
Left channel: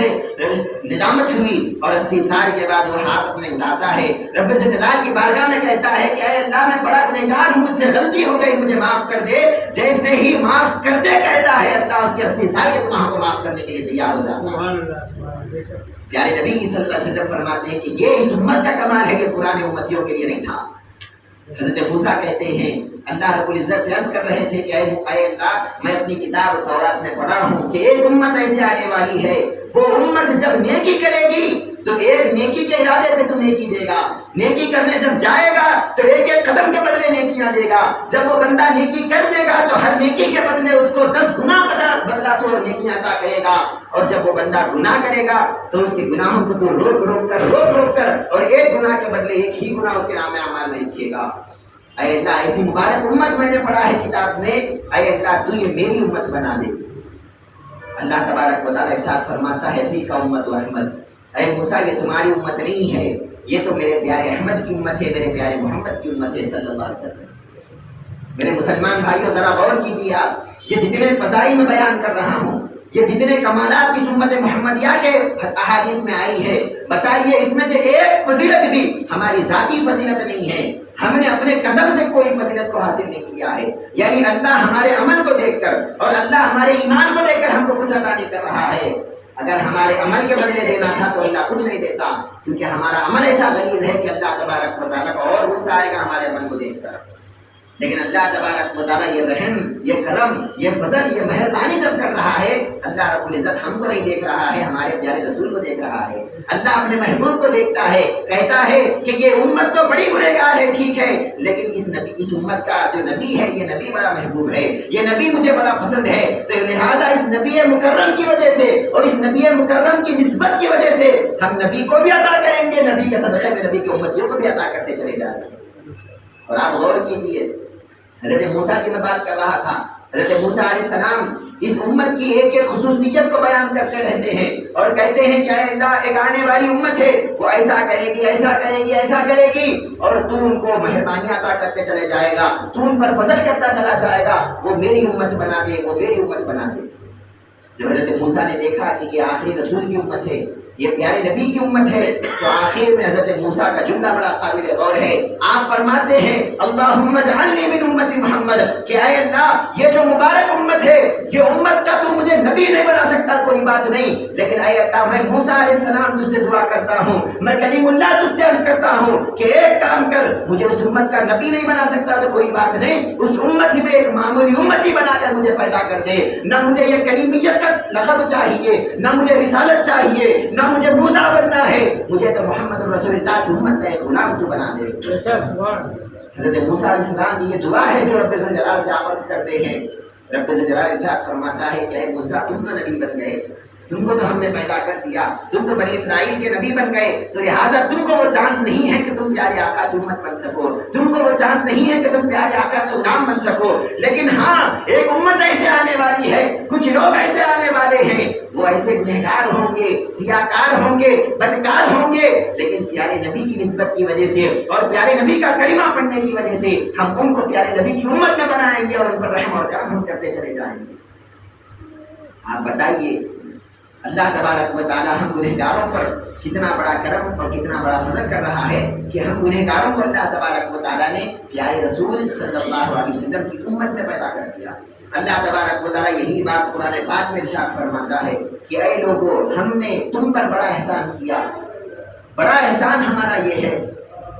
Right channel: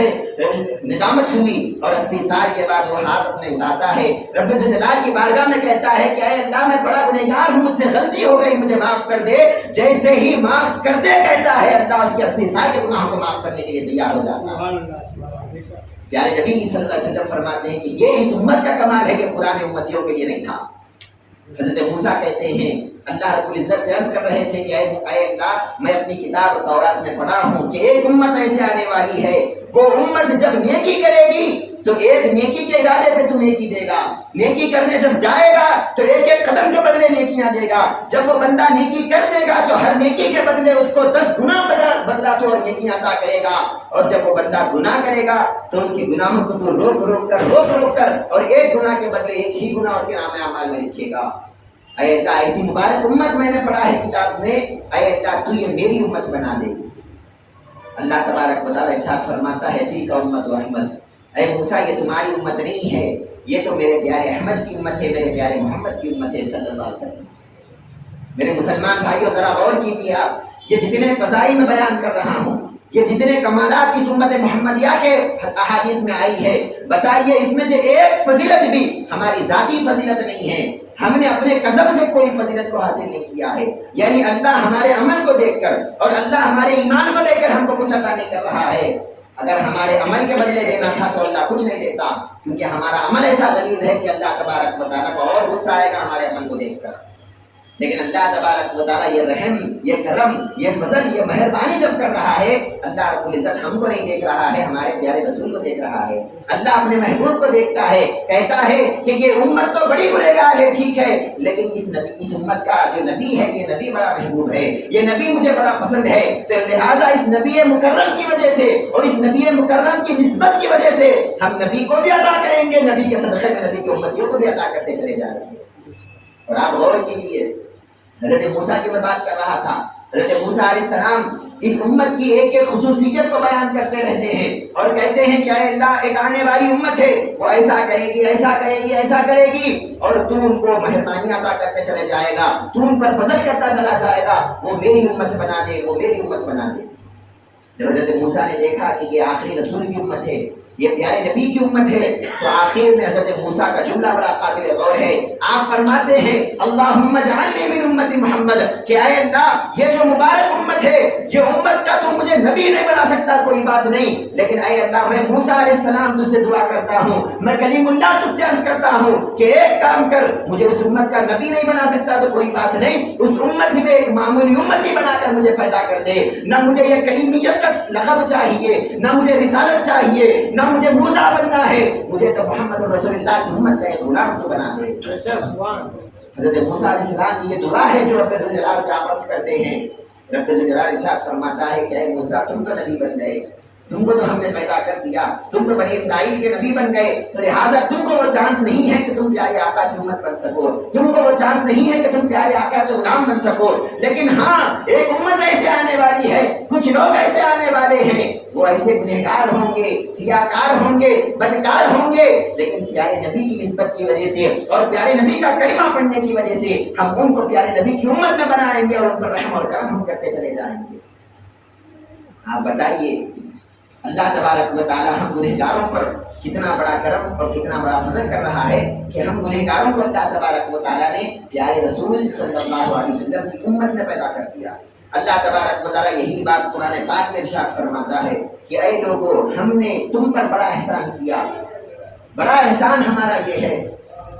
ندامت ہوئی اور 80 سال کے بعد وہ ہاتھ اپنے اٹھاتا ہے، رب ذوالجلال کی بارگاہ میں کہتا ہے کہ اے اللہ میں بڑا گنہگار ہوں، مجھ سے غلطی ہو گئی، مجھے معاف کر دے، جیسے ہی معاف کرتے کہتا ہے اللہ اس کے 80 سال کے گناہوں کو معاف کرنے کے لیے تیار ہو جاتا ہے۔ پیارے نبی صلی اللہ علیہ وسلم فرماتے ہیں کہ یہ اس امت کا کمال ہے، یہ پرانے امتیوں کے لیے نہیں تھا۔ حضرت موسیٰ کہتے ہیں اللہ رب العزت سے عرض کر رہے تھے کہ اے اللہ میں اپنی کتاب تورات میں پڑھا ہوں کہ ایک امت ایسے آنے والی ہے وہ امت جب نیکی کرے گی تو ایک نیکی کے ارادے پہ تو نیکی دے گا، نیکی کرنے جب جائے گا تو ایک ایک قدم کے بدلے نیکیاں دے گا، جب وہ بندہ نیکی کر دے گا تو ہر نیکی کے بدلے اس کو 10 گنا بدلا تو اور نیکیاں عطا کرے گا، اور جب وہ بندہ گناہ کرے گا تو اس کے گناہوں کو تو روک روک کر اور ایک گناہ کے بدلے ایک ہی گناہ اس کے نام اعمال میں لکھے گا۔ اے اللہ ایسی مبارک امت میں نے پڑھا ہے کتاب میں، اے اللہ تو یہ میری امت بنا دے۔ اللہ تبارک و تعالیٰ ارشاد فرماتا ہے تلک امت احمد، اے موسیٰ یہ تمہاری امت نہیں ہے، یہ تو میرے پیارے احمد کی امت ہے، میرے پیارے محمد کی امت ہے صلی اللہ علیہ وسلم۔ میرے مسلمان بھائیوں ذرا غور کیجیے، آپ یہ جتنے فضائل میں بیان کر رہا ہوں، یہ جتنے کمالات اس امت محمدیہ کے احادیث میں آئی ہے، بتائیے اس میں سے ایک فضیلت بھی ہماری ذاتی فضیلت نہیں ہے، ہم نے اپنے قسم سے کوئی فضیلت کو حاصل نہیں کیا ہے، یعنی اللہ ہمارے عمل کو دیکھ کر اور اللہ ہمارے ایمان کو دیکھ کر ہم کو کچھ عطا نہیں کر رہا ہے۔ اگر ہمارے عمل کے بدلے دینا تھا تو اللہ کچھ نہیں دیتا، کیونکہ ہمارا عمل ایسا غلیظ ہے کہ اللہ تبارک و تعالیٰ کو اور غصہ آئے گا ہمارے عمل کو دیکھ کر۔ لیکن اللہ تبارک و تعالیٰ یہ رحم، یہ کرم، یہ فضل، یہ مہربانی جب کر رہا ہے، اللہ رب العزت ہم کو نہیں دیکھ رہا ہے، ہمارے پیارے رسول کو دیکھ رہا ہے۔ اللہ اپنے محبوب کو دیکھتا ہے، کہتا ہے کہ یہ امت تو بڑی گنہگار ہے، ٹھیک ہے، لیکن اس امت کا جو نبی ہے، یہ نبی بڑا محبوب ہے، یہ نبی مجھے بڑا پسند ہے، تو لہٰذا اس نبی مکرم کی وجہ سے اور اس نبی مکرم کی نسبت کی وجہ سے ہم نبی کو بھی عطا کریں گے، نبی کے صدقے میں نبی کی امتیوں کو بھی عطا کرتے چلے جا رہے ہیں۔ اور آپ غور کیجئے، حضرت موسیٰ کی میں بات کر رہا تھا، حضرت موسیٰ علیہ السلام اس امت کی ایک ایک خصوصیت کو بیان کرتے رہتے ہیں اور کہتے ہیں کہ اے اللہ، ایک آنے والی امت ہے، وہ ایسا کرے گی، ایسا کرے گی، ایسا کرے گی، اور تو ان کو مہربانی عطا کرتے چلے جائے گا، تو ان پر فضل کرتا چلا جائے گا، وہ میری امت بنا دے، وہ میری امت بنا دے۔ جب حضرت موسیٰ نے دیکھا کہ یہ آخری رسول کی امت ہے، یہ پیارے نبی کی امت ہے، تو آخر میں حضرت موسیٰ کا جملہ بڑا قابل غور ہے۔ آپ فرماتے ہیں اللہم اجعلنی من امت محمد، کہ اے اللہ، یہ جو مبارک امت ہے، یہ امت کا تو مجھے نبی نہیں بنا سکتا، کوئی بات نہیں، لیکن اے اللہ، میں موسیٰ علیہ السلام تجھ سے دعا کرتا ہوں، میں کلیم اللہ تجھ سے عرض کرتا ہوں کہ ایک کام کر، مجھے اس امت کا نبی نہیں بنا سکتا تو کوئی بات نہیں، اس امت میں ایک معمولی امتی بنا کر مجھے پیدا کر دے، نہ مجھے یہ کلیمیت کا لقب چاہیے، نہ مجھے رسالت چاہیے، نہ مجھے موسیٰ بننا ہے، مجھے تو محمد رسول اللہ کی امت کا ایک غلام تو بنا دے۔ حضرت موسیٰ علیہ السلام کی یہ دعا ہے جو رب ذوالجلال سے آپ عرض کرتے ہیں۔ رب ذوالجلال ارشاد فرماتا ہے کہ اے موسیٰ، تم تو نبی بن گئے، تم کو تو ہم نے پیدا کر دیا، تم تو بنی اسرائیل کے نبی بن گئے، تو لہٰذا تم کو وہ چانس نہیں ہے کہ تم پیارے آقا کی امت بن سکو، تم کو وہ چانس نہیں ہے کہ تم پیارے آقا کے غلام بن سکو، لیکن ہاں، ایک امت ایسے آنے والی ہے، کچھ لوگ ایسے آنے والے ہیں، وہ ایسے گنہگار ہوں گے، سیاکار ہوں گے، بدکار ہوں گے، لیکن پیارے نبی کی نسبت کی وجہ سے اور پیارے نبی کا کلمہ پڑھنے کی وجہ سے ہم ان کو پیارے نبی کی امت میں بنائیں گے اور ان پر رحم اور کرم ہم کرتے چلے جائیں گے۔ آپ بتائیے، اللہ تبارک و تعالی ہم گنہگاروں پر کتنا بڑا کرم اور کتنا بڑا فضل کر رہا ہے کہ ہم گنہگاروں کو اللہ تبارک و تعالی نے پیارے رسول صلی اللہ علیہ وسلم کی امت میں پیدا کر دیا۔ اللہ تبارک و تعالی یہی بات قرآن پاک میں ارشاد فرماتا ہے کہ اے لوگو، ہم نے تم پر بڑا احسان کیا، بڑا احسان ہمارا یہ ہے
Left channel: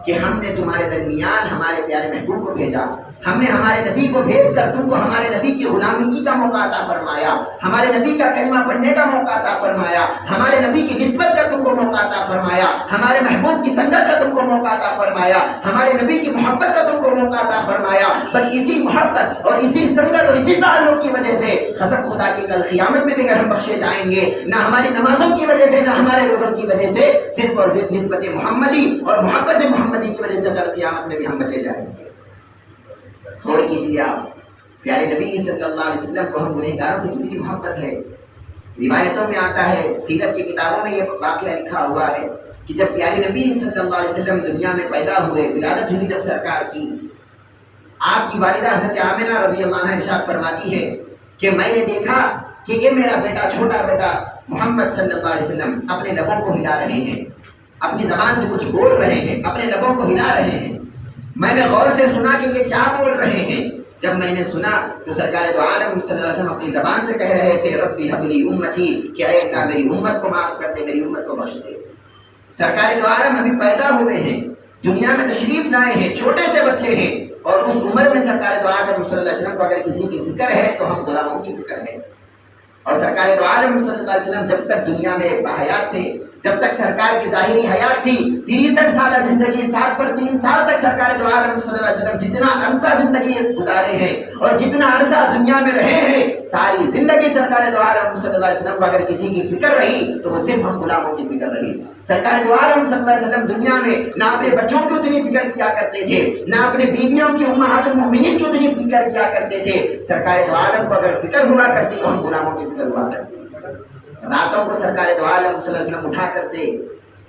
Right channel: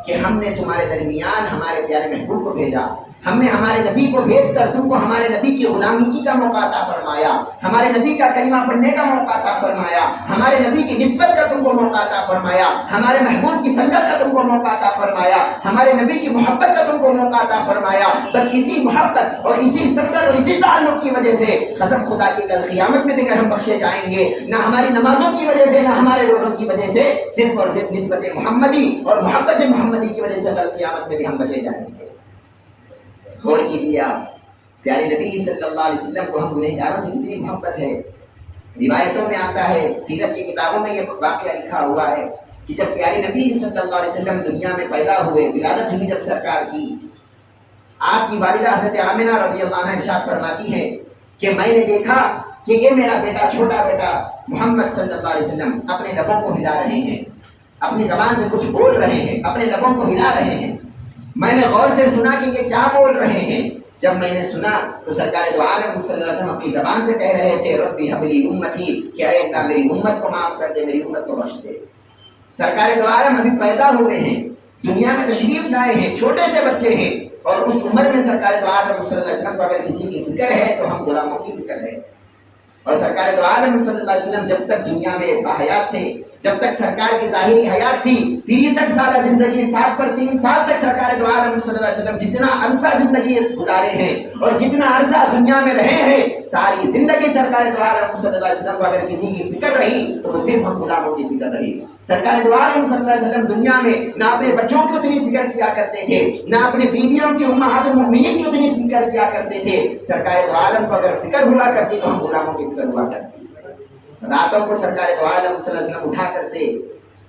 کہ ہم نے تمہارے درمیان ہمارے پیارے محبوب کو بھیجا، ہم نے ہمارے نبی کو بھیج کر تم کو ہمارے نبی کی غلامی کا موقع عطا فرمایا، ہمارے نبی کا کلمہ پڑھنے کا موقع عطا فرمایا، ہمارے نبی کی نسبت کا تم کو موقع عطا فرمایا، ہمارے محبوب کی سنگت کا تم کو موقع عطا فرمایا، ہمارے نبی کی محبت کا تم کو موقع عطا فرمایا۔ بس اسی محبت اور اسی سنگت اور اسی تعلق کی وجہ سے قسم خدا کی کل قیامت میں بھی ہم بخشے جائیں گے، نہ ہماری نمازوں کی وجہ سے، نہ ہمارے روزوں کی وجہ سے، صرف اور صرف نسبت محمدی اور محبت محمدی کی وجہ سے کل قیامت میں بھی ہم بچے جائیں گے۔ غور کیجیے آپ، پیارے نبی صلی اللہ علیہ وسلم کو ہم گنہگاروں سے کتنی محبت ہے۔ روایتوں میں آتا ہے، سیرت کی کتابوں میں یہ واقعہ لکھا ہوا ہے کہ جب پیارے نبی صلی اللہ علیہ وسلم دنیا میں پیدا ہوئے، ولادت ہوئی جب سرکار کی، آپ کی والدہ حضرت آمنہ رضی اللہ عنہا ارشاد فرماتی ہے کہ میں نے دیکھا کہ یہ میرا بیٹا، چھوٹا بیٹا محمد صلی اللہ علیہ وسلم اپنے لبوں کو ہلا رہے ہیں، اپنی زبان سے کچھ بول رہے ہیں، اپنے لبوں کو ہلا رہے ہیں۔ میں نے غور سے سنا کہ یہ کیا بول رہے ہیں۔ جب میں نے سنا تو سرکار دو عالم صلی اللہ علیہ وسلم اپنی زبان سے کہہ رہے تھے ربی حب لی امتی، کہ اے اللہ میری امت کو معاف کر دے، میری امت کو بخش دے۔ سرکار دو عالم ابھی پیدا ہوئے ہیں، دنیا میں تشریف لائے ہیں، چھوٹے سے بچے ہیں، اور اس عمر میں سرکار دو عالم صلی اللہ علیہ وسلم کو اگر کسی کی فکر ہے تو ہم غلاموں کی فکر ہے۔ اور سرکار دو عالم صلی اللہ علیہ وسلم جب تک دنیا میں باحیات تھے، جب تک سرکار کی ظاہری حیات تھی، 63 سالہ زندگی، 60 پر 3 سال تک سرکار دو عالم صلی اللہ علیہ وسلم جتنا عرصہ زندگی گزارے ہیں اور جتنا عرصہ دنیا میں رہے ہیں، ساری زندگی سرکار دو عالم صلی اللہ علیہ وسلم کو اگر کسی کی فکر رہی تو وہ صرف ہم غلاموں کی فکر رہی۔ سرکار دو عالم صلی اللہ علیہ وسلم دنیا میں نہ اپنے بچوں کی اتنی فکر کیا کرتے تھے، نہ اپنے بیویوں کی امہات المؤمنین کی اتنی فکر کیا کرتے تھے۔ سرکار دو عالم کو اگر فکر ہوا کرتی تو ہم غلاموں کی فکر ہوا کرتی۔ راتوں کو سرکار دو عالم صلی اللہ علیہ وسلم اٹھا کرتے،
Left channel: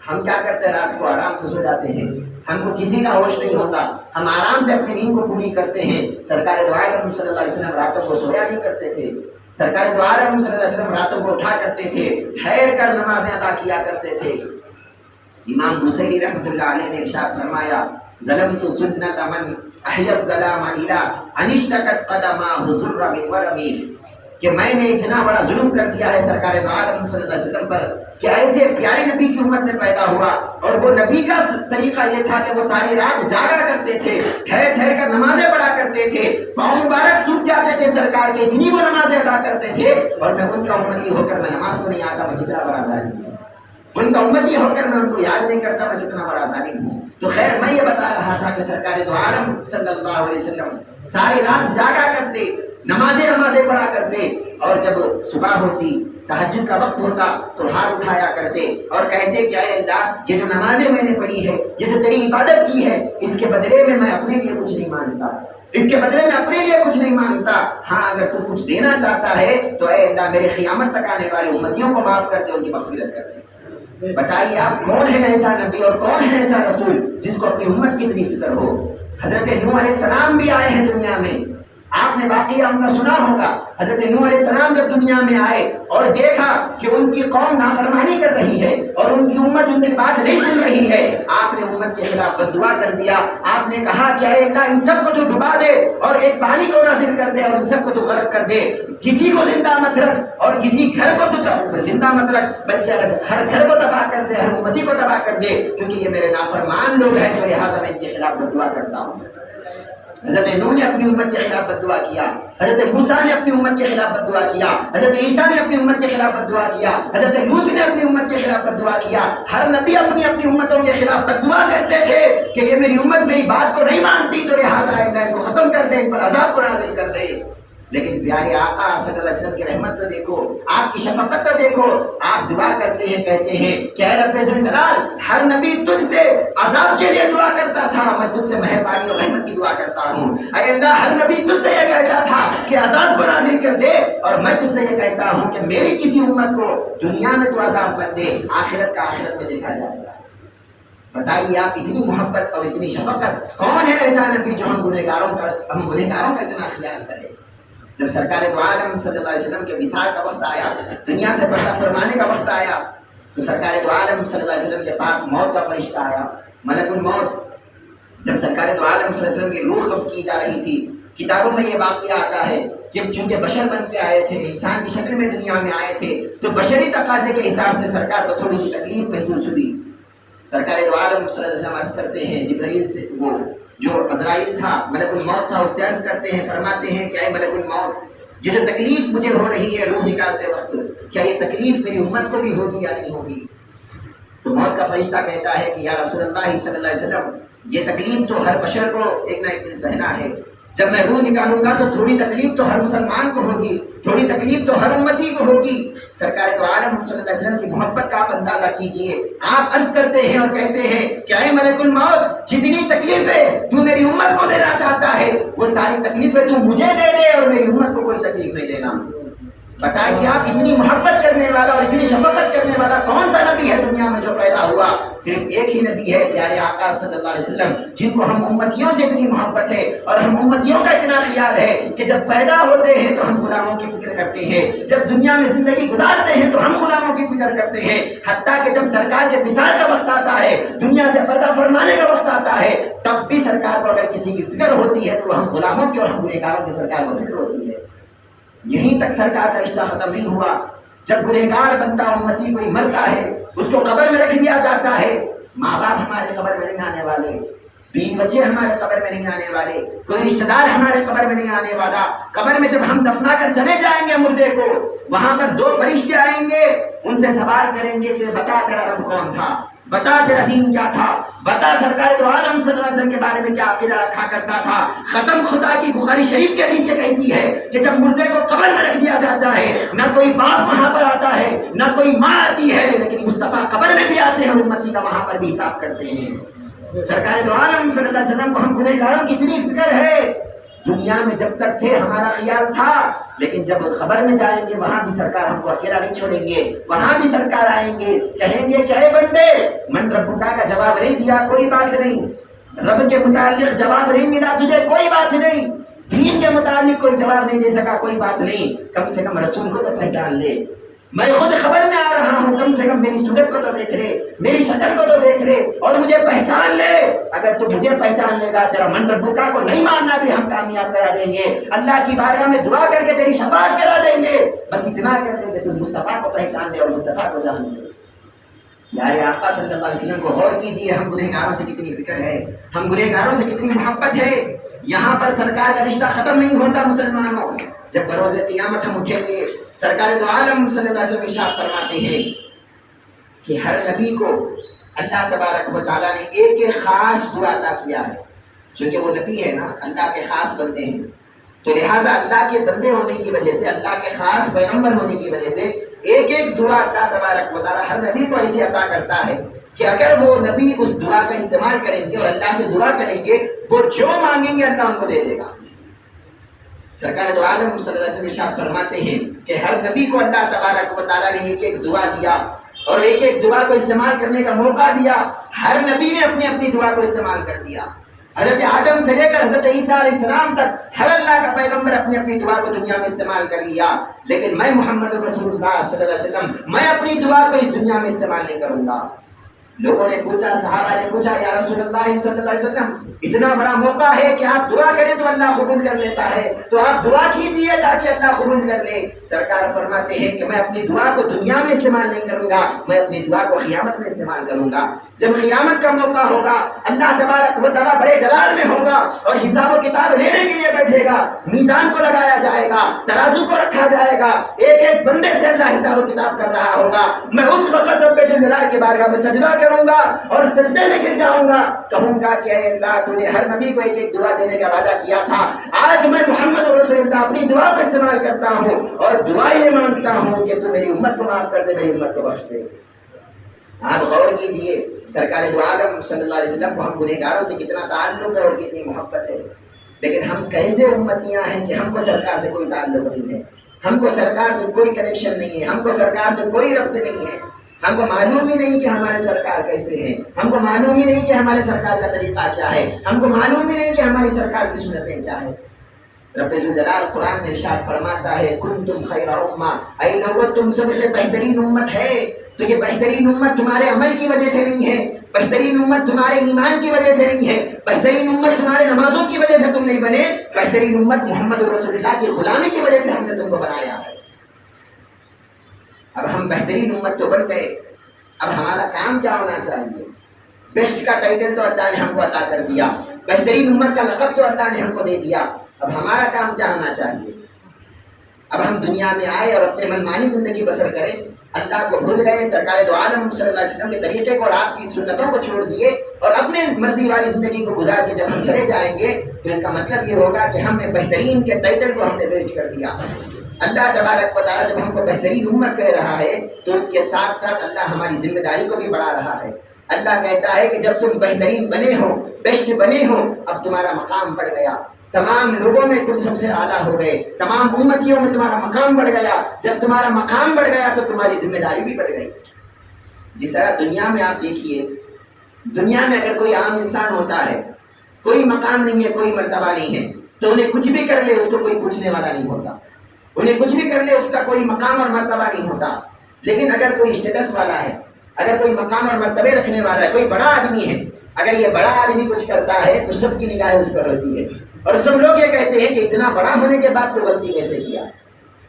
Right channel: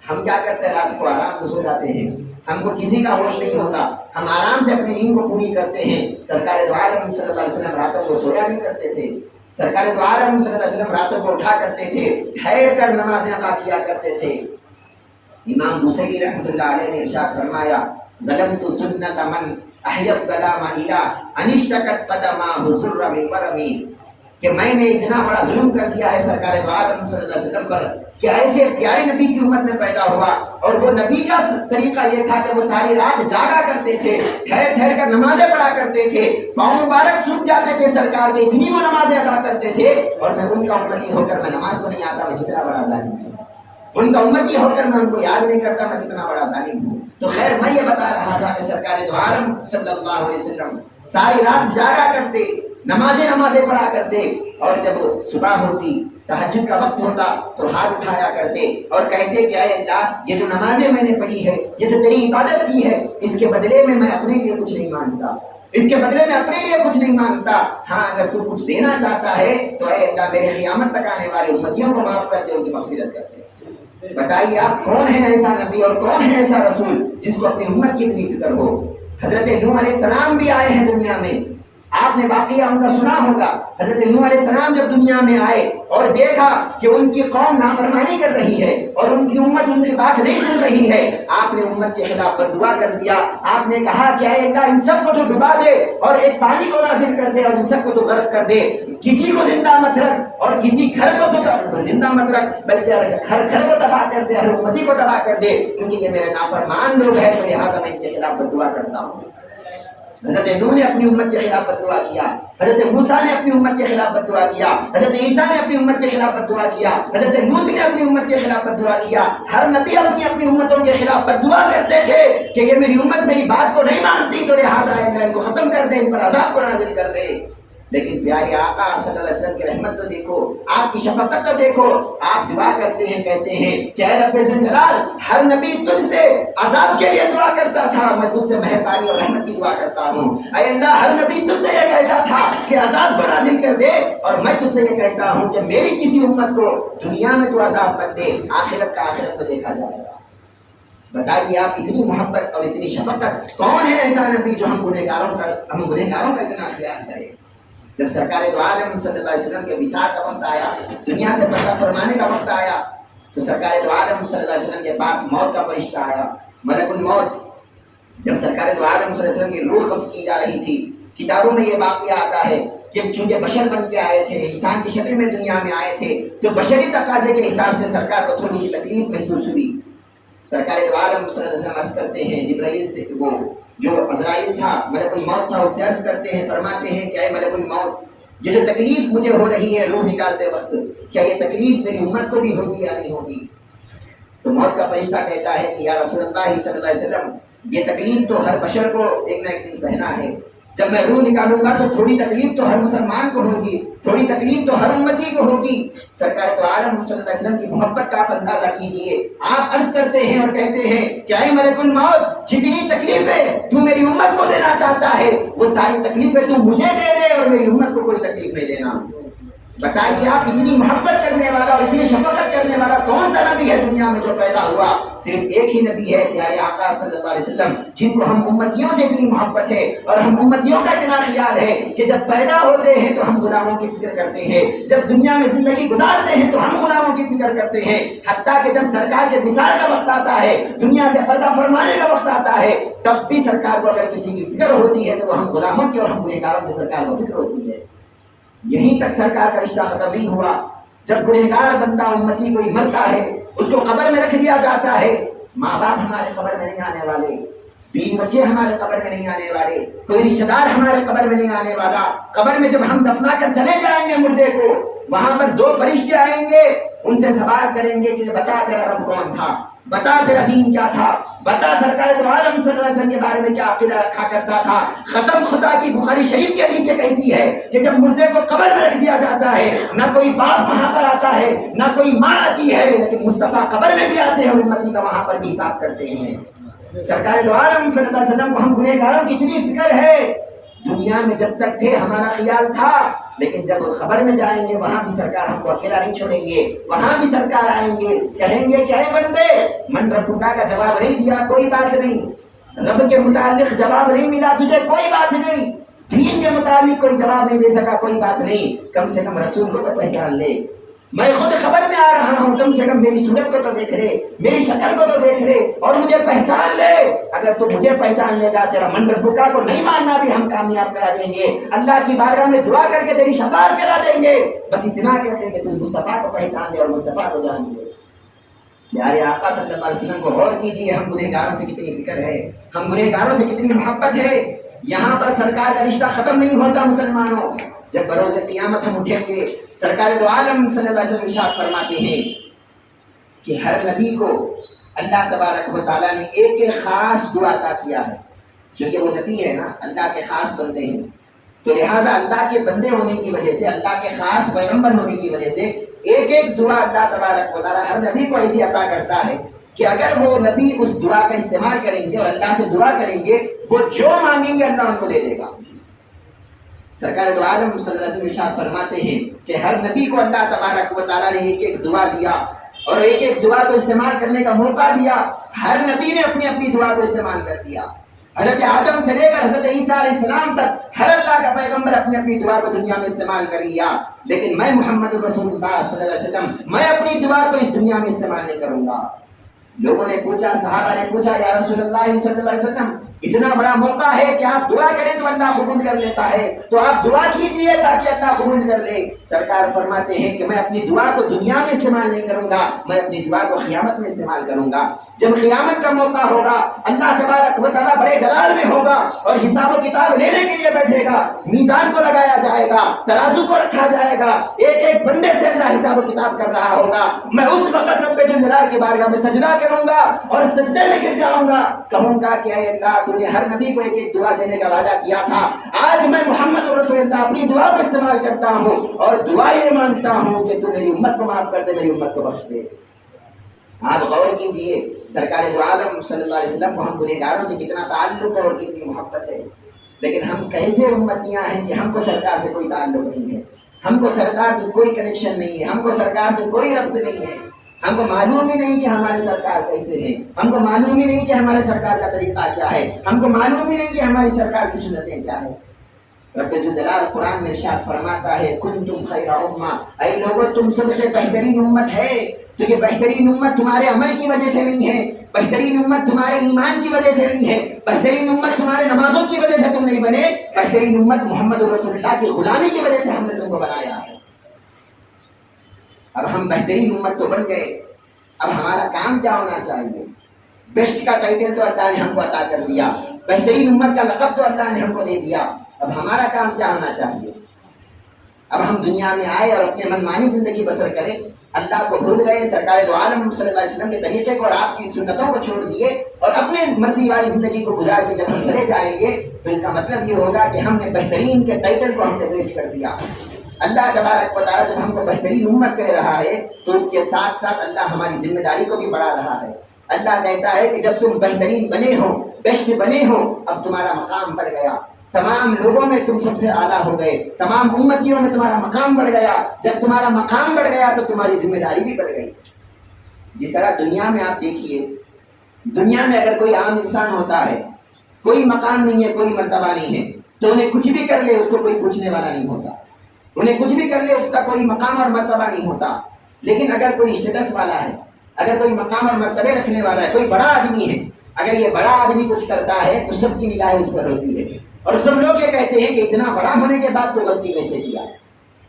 ہم کیا کرتے ہیں؟ رات کو آرام سے سو جاتے ہیں، ہم کو کسی کا ہوش نہیں ہوتا، ہم آرام سے اپنی نیند کو پوری کرتے ہیں۔ سرکار دو عالم صلی اللہ علیہ وسلم راتوں کو سویا نہیں کرتے تھے، سرکار دو عالم صلی اللہ علیہ وسلم راتوں کو اٹھا کرتے تھے، ٹھہر کر نمازیں ادا کیا کرتے تھے۔ امام بوصیری رحمۃ اللہ علیہ نے ارشاد فرمایا ظلمت سنت من احیا السلام الی ان اشتکت قدمہ ذر من ورمی، کہ میں نے اتنا بڑا ظلم کر دیا ہے سرکار دو عالم صلی اللہ علیہ وسلم پر کہ ایسے پیارے نبی کی امت میں پیدا ہوا، اور وہ نبی کا طریقہ یہ تھا کہ وہ ساری رات جاگا کرتے تھے، ٹھہر ٹھہر کر نمازیں پڑھا کرتے تھے، پاؤں مبارک سوکھ جاتے تھے سرکار کے، اتنی وہ نمازیں ادا کرتے تھے، اور میں ان کا امتی ہو کر میں نماز کو نہیں آتا، میں کتنا بڑا ظالم ہوں، ان کا امتی ہو کر میں ان کو یاد نہیں کرتا، میں کتنا بڑا ظالم ہوں۔ تو خیر میں یہ بتا رہا تھا کہ سرکار دو عالم صلی اللہ علیہ وسلم ساری رات جاگا کرتے، نمازیں پڑھا کرتے، اور جب صبح ہوتی، تہجد کا وقت ہوتا تو ہاتھ اٹھایا کرتے اور کہتے کہ اے اللہ، یہ جو نمازیں میں نے پڑھی ہے، یہ جو تیری عبادت کی ہے، اس کے بدلے میں اپنے لیے کچھ نہیں مانگتا، اس کے بدلے میں اپنے لیے کچھ نہیں مانگتا، ہاں اگر تو کچھ دینا چاہتا ہے تو اے اللہ میرے قیامت تک آنے والے امتیوں کو معاف کر دے، ان کی مغفرت کر دے۔ بتائیے آپ کون ہے ایسا نبی اور کون ہے ایسا رسول جس کو اپنی امت کی اتنی فکر ہو؟ حضرت نوح علیہ السلام بھی آئے ہیں دنیا میں، آپ نے واقعہ ان کا سنا ہوگا۔ حضرت نوح علیہ السلام جب دنیا میں آئے اور دیکھا کہ ان کی قوم نافرمانی کر رہی ہے اور ان کی امت ان کی بات نہیں سن رہی ہے، آپ نے امت کے خلاف بد دعا کر دیا۔ آپ نے کہا کہ اے اللہ ان سب کو تو ڈبا دے اور ایک پانی کو نازل کر دے اور ان سب کو تو غرق کر دے، کسی کو زندہ مت رکھ اور کسی گھر کو تو زندہ مت رکھ، بلکہ ہر گھر کو تباہ کر دے، ہر امتی کو تباہ کر دے، کیونکہ یہ میرے نافرمان لوگ ہیں، تو لہٰذا میں ان کے خلاف بد دعا کرتا ہوں۔ حضرت نوح نے اپنی امت کے خلاف بد دعا کیا، حضرت موسیٰ نے اپنی امت کے خلاف بد دعا کیا، حضرت عیسیٰ نے اپنی امت کے خلاف بد دعا کیا، حضرت لوط نے اپنی امت کے خلاف بد دعا کیا۔ ہر نبی اپنی امتوں کے خلاف بد دعا کرتے تھے کہ یہ میری امت میری بات کو نہیں مانتی، تو لہٰذا اللہ ان کو ختم کر دے، ان پر عذاب کو نازل کر دے۔ لیکن پیارے آقا صلی اللہ علیہ وسلم کی رحمت تو دیکھو، آپ کی شفقت تو دیکھو، آپ دعا کرتے ہیں، کہتے ہیں کہ اے رب ذوالجلال، ہر نبی تجھ سے عذاب کے لیے دعا کرتا تھا، میں تجھ سے مہربانی اور رحمت کی دعا کرتا ہوں۔ اے اللہ، ہر نبی تجھ سے یہ کہتا تھا کہ عذاب کو نازل کر دے، اور میں تجھ سے یہ کہتا ہوں کہ میری کسی امت کو دنیا میں تو عذاب مت دے، آخرت کا آخرت میں دیکھا جائے گا۔ بتائیے آپ، اتنی محبت اور اتنی شفقت، کون ہے ایسا نبی جو ہم گنہگاروں کا اتنا خیال کرے؟ جب سرکار دو عالم صلی اللہ علیہ وسلم کے وصال کا وقت آیا، دنیا سے پردہ فرمانے کا وقت آیا، تو سرکار دو عالم صلی اللہ علیہ وسلم کے پاس موت کا فرشتہ آیا، ملک الموت۔ جب سرکار دو عالم صلی اللہ علیہ وسلم کی روح قبض کی جا رہی تھی، کتابوں میں یہ واقعہ آتا ہے کہ چونکہ بشر بن کے آئے تھے، انسان کی شکل میں دنیا میں آئے تھے، تو بشری تقاضے کے حساب سے سرکار کو تھوڑی سی تکلیف محسوس ہوئی۔ سرکار دو عالم صلی اللہ علیہ وسلم عرض کرتے ہیں، جبرائیل سے، وہ جو عزرائیل تھا، ملک الموت تھا، اس سے عرض کرتے ہیں، فرماتے ہیں کہ اے ملک الموت، یہ جو تکلیف مجھے ہو رہی ہے روح نکالتے وقت، کیا یہ تکلیف میری امت کو بھی ہوگی یا نہیں ہوگی؟ تو موت کا فرشتہ کہتا ہے کہ یا رسول اللہ صلی اللہ علیہ وسلم، یہ تکلیف تو ہر بشر کو ایک نہ ایک دن سہنا ہے، جب میں روح نکالوں گا تو تھوڑی تکلیف تو ہر مسلمان کو ہوگی، تھوڑی تکلیف تو ہر امتی کو ہوگی۔ سرکار تو عالم صلی اللہ علیہ وسلم کی محبت کا آپ اندازہ کیجئے، آپ عرض کرتے ہیں اور کہتے ہیں کہ اے ملک الموت، جتنی تکلیفیں تو میری امت کو دینا چاہتا ہے، وہ ساری تکلیفیں تو مجھے دے دے اور میری امت کو کوئی تکلیف نہیں دینا۔ بتائیے آپ، اتنی محبت کرنے والا اور اتنی شفقت کرنے والا کون سا نبی ہے دنیا میں جو پیدا ہوا؟ صرف ایک ہی نبی ہے، پیارے آقا صلی اللہ علیہ وسلم، جن کو ہم امتیوں سے اتنی محبت ہے اور ہم امتیوں کا اتنا خیال ہے کہ جب پیدا ہوتے ہیں تو ہم غلاموں کی فکر کرتے ہیں، جب دنیا میں زندگی گزارتے ہیں تو ہم غلاموں کی فکر کرتے ہیں، حتیٰ کہ جب سرکار کے وصال کا وقت آتا ہے، دنیا سے پردہ فرمانے کا وقت آتا ہے، تب بھی سرکار کو اگر کسی کی فکر ہوتی ہے تو ہم غلاموں کی اور ہم گنہگاروں کی سرکار کو فکر ہوتی ہے۔ یہیں تک سرکار کا رشتہ ختم نہیں ہوا، جب گنہگار بندہ امتی کوئی مرتا ہے، اس کو قبر میں رکھ دیا جاتا ہے، ماں باپ ہمارے قبر میں نہیں آنے والے، بیوی بچے ہمارے قبر میں نہیں آنے والے، کوئی رشتہ دار ہمارے قبر میں نہیں آنے والا۔ قبر میں جب ہم دفنا کر چلے جائیں گے مردے کو، وہاں پر دو فرشتے آئیں گے، ان سے سوال کریں گے کہ بتا تیرا رب کون تھا، بتا تیرا دین کیا تھا، بتا سرکار دو عالم صلی اللہ علیہ وسلم کے بارے میں کیا عقیدہ رکھا کرتا تھا۔ قسم خدا کی، بخاری شریف کی حدیث یہ کہتی ہے کہ جب مردے کو قبر میں رکھ دیا جاتا ہے، نہ کوئی باپ وہاں پر آتا ہے، نہ کوئی ماں آتی ہے، لیکن مصطفیٰ قبر میں بھی آتے ہیں، امتی کا وہاں پر بھی حساب کرتے ہیں۔ سرکار دو عالم صلی اللہ علیہ وسلم کو ہم گنہگاروں کی اتنی فکر ہے، دنیا میں جب تک تھے ہمارا خیال تھا، لیکن جب خبر میں جائیں گے وہاں بھی سرکار ہم کو اکیلا نہیں چھوڑیں گے، وہاں بھی سرکار آئیں گے، کہیں گے کہ اے بندے، من ربکا کا جواب نہیں دیا، کوئی بات نہیں، رب کے متعلق جواب نہیں ملا تجھے، کوئی بات نہیں، دین کے متعلق کوئی جواب نہیں دے سکا، کوئی بات نہیں، کم سے کم رسول کو تو پہچان لے، میں خود خبر میں آ رہا ہوں، کم سے کم میری صورت کو تو دیکھ لے، میری شکل کو تو دیکھ لے اور مجھے پہچان لے۔ اگر تو مجھے پہچان لے گا، تیرا من ربکا کو نہیں ماننا بھی ہم کامیاب کرا دیں گے، اللہ کی بارگاہ میں دعا کر کے تیری شفاعت کرا دیں گے، بس اتنا کر دیں گے تو مصطفیٰ کو پہچان لے اور مصطفیٰ کو جان لے۔ پیارے آقا صلی اللہ علیہ وسلم کو غور کیجیے، ہم گنہگاروں سے کتنی فکر ہے، ہم گنہگاروں سے کتنی محبت ہے۔ یہاں پر سرکار کا رشتہ ختم نہیں ہوتا مسلمانوں، جب بروز قیامت ہم اٹھیں گے، سرکار دو عالم صلی اللہ علیہ وسلم ارشاد فرماتے ہیں کہ ہر نبی کو اللہ تبارک و تعالیٰ نے ایک ایک خاص دعا عطا کیا ہے، چونکہ وہ نبی ہے نا، اللہ کے خاص بندے ہیں، تو لہٰذا اللہ کے بندے ہونے کی وجہ سے، اللہ کے خاص پیغمبر ہونے کی وجہ سے ایک ایک دعا اللہ تبارک و تعالیٰ ہر نبی کو ایسی عطا کرتا ہے کہ اگر وہ نبی اس دعا کا استعمال کریں گے اور اللہ سے دعا کریں گے، وہ جو مانگیں گے اللہ ان کو دے دے گا۔ سرکار دو عالم صلی اللہ علیہ وسلم ارشاد فرماتے ہیں کہ ہر نبی کو اللہ تبارک و تعالیٰ نے ایک ایک دعا دیا اور ایک ایک دعا کو استعمال کرنے کا موقع دیا، ہر نبی نے اپنی اپنی دعا کو استعمال کر دیا۔ حضرت آدم سے لے کر حضرت عیسیٰ علیہ السلام تک ہر اللہ کا پیغمبر اپنی اپنی دعا کو دنیا میں استعمال کر لیا، لیکن میں محمد رسول اللہ صلی اللہ علیہ وسلم، میں اپنی دعا کو اس دنیا میں استعمال نہیں کروں گا۔ لوگوں نے پوچھا، صحابہ نے پوچھا، یا رسول اللہ صلی اللہ علیہ وسلم، اتنا بڑا موقع ہے کہ آپ دعا کریں تو اللہ قبول کر لیتا ہے، تو آپ دعا کیجئے تاکہ اللہ قبول کر لے۔ سرکار فرماتے ہیں کہ میں اپنی دعا کو دنیا میں استعمال نہیں کروں گا، میں اپنی دعا کو قیامت میں استعمال کروں گا۔ جب قیامت کا موقع ہوگا، اللہ تبارک و تعالیٰ بڑے جلال میں ہوگا اور حساب و کتاب لینے کے لیے بیٹھے گا، میزان کو لگایا جائے گا، ترازو کو رکھا جائے گا، ایک ایک بندے سے اللہ حساب و کتاب کر رہا ہوگا۔ میں اس وقت رب جلال کی بارگاہ میں سجدہ کروں گا اور سجدے میں گر جاؤں گا، کہوں گا کہ اے اللہ، تو نے ہر نبی کو ایک ایک دعا دینے کا وعدہ کیا تھا، آج میں محمد رسول اللہ اپنی دعا کو استعمال کرتا ہوں اور دعا یہ مانگتا ہوں کہ تو میری امت کو معاف کر دے، میری امت کو بخش دے۔ آپ غور کیجئے، سرکار دو عالم صلی اللہ علیہ وسلم کو ہم گنہگاروں سے کتنا تعلق ہے اور کتنی محبت ہے، لیکن ہم کیسے امتیاں ہیں کہ ہم کو سرکار سے کوئی تعلق نہیں ہے، ہم کو سرکار سے کوئی کنیکشن نہیں ہے، ہم کو سرکار سے کوئی ربط نہیں ہے، ہم کو معلوم ہی نہیں کہ ہمارے سرکار کیسے ہیں، ہم کو معلوم ہی نہیں کہ ہمارے سرکار کا طریقہ کیا ہے، ہم کو معلوم ہی نہیں کہ ہماری سرکار کی سنتیں کیا ہے۔ رب ذوالجلال قرآن میں ارشاد فرماتا ہے، کنتم خیر امہ، اے لوگو تم سب سے بہترین امت ہے، تو یہ بہترین امت تمہارے عمل کی وجہ سے نہیں ہے، بہترین امت تمہارے ایمان کی وجہ سے نہیں ہے، بہترین امت تمہارے نمازوں کی وجہ سے تم نہیں بنے، بہترین امت محمد رسول اللہ کی غلامی کی وجہ سے ہم نے تم کو بنایا ہے۔ اب ہم بہترین امت تو بن گئے، اب ہمارا کام کیا ہونا چاہیے؟ بیسٹ کا ٹائٹل تو اللہ نے ہم کو عطا کر دیا، بہترین امت کا لقب تو اللہ نے ہم کو دے دیا، اب ہمارا کام کیا ہونا چاہیے؟ اب ہم دنیا میں آئے اور اپنے منمانی زندگی بسر کریں، اللہ کو بھول گئے، سرکار دو عالم صلی اللہ علیہ وسلم کے طریقے کو اور آپ کی سنتوں کو چھوڑ دیے اور اپنے مرضی والی زندگی کو گزار کے جب ہم چلے جائیں گے تو اس کا مطلب یہ ہوگا کہ ہم نے بہترین کے ٹائٹل کو ہم نے ویسٹ کر دیا۔ اللہ تبارک و تعالیٰ جب ہم کو بہترین امت کہہ رہا ہے تو اس کے ساتھ ساتھ اللہ ہماری ذمہ داری کو بھی بڑھا رہا ہے۔ اللہ کہتا ہے کہ جب تم بہترین بنے ہو، بیسٹ بنے ہو، اب تمہارا مقام بڑھ گیا، تمام لوگوں میں تم سب سے اعلیٰ ہو گئے، تمام امتیوں میں تمہارا مقام بڑھ گیا۔ جب تمہارا مقام بڑھ گیا تو تمہاری ذمہ داری بھی بڑھ گئی۔ جس طرح دنیا میں آپ دیکھیے، دنیا میں اگر کوئی عام انسان ہوتا ہے، کوئی مقام نہیں ہے، کوئی مرتبہ نہیں ہے، تو انہیں کچھ بھی کر لے اس کو کوئی پوچھنے والا نہیں ہوتا، انہیں کچھ بھی کر لے اس کا کوئی مقام اور مرتبہ نہیں ہوتا۔ لیکن اگر کوئی اسٹیٹس والا ہے، اگر کوئی مقام اور مرتبے رکھنے والا ہے، کوئی بڑا آدمی ہے، اگر یہ بڑا آدمی کچھ کرتا ہے تو سب کی نگاہیں اس پر ہوتی ہے اور سب لوگ یہ کہتے ہیں کہ اتنا بڑا ہونے کے بعد تو غلطی کیسے کیا۔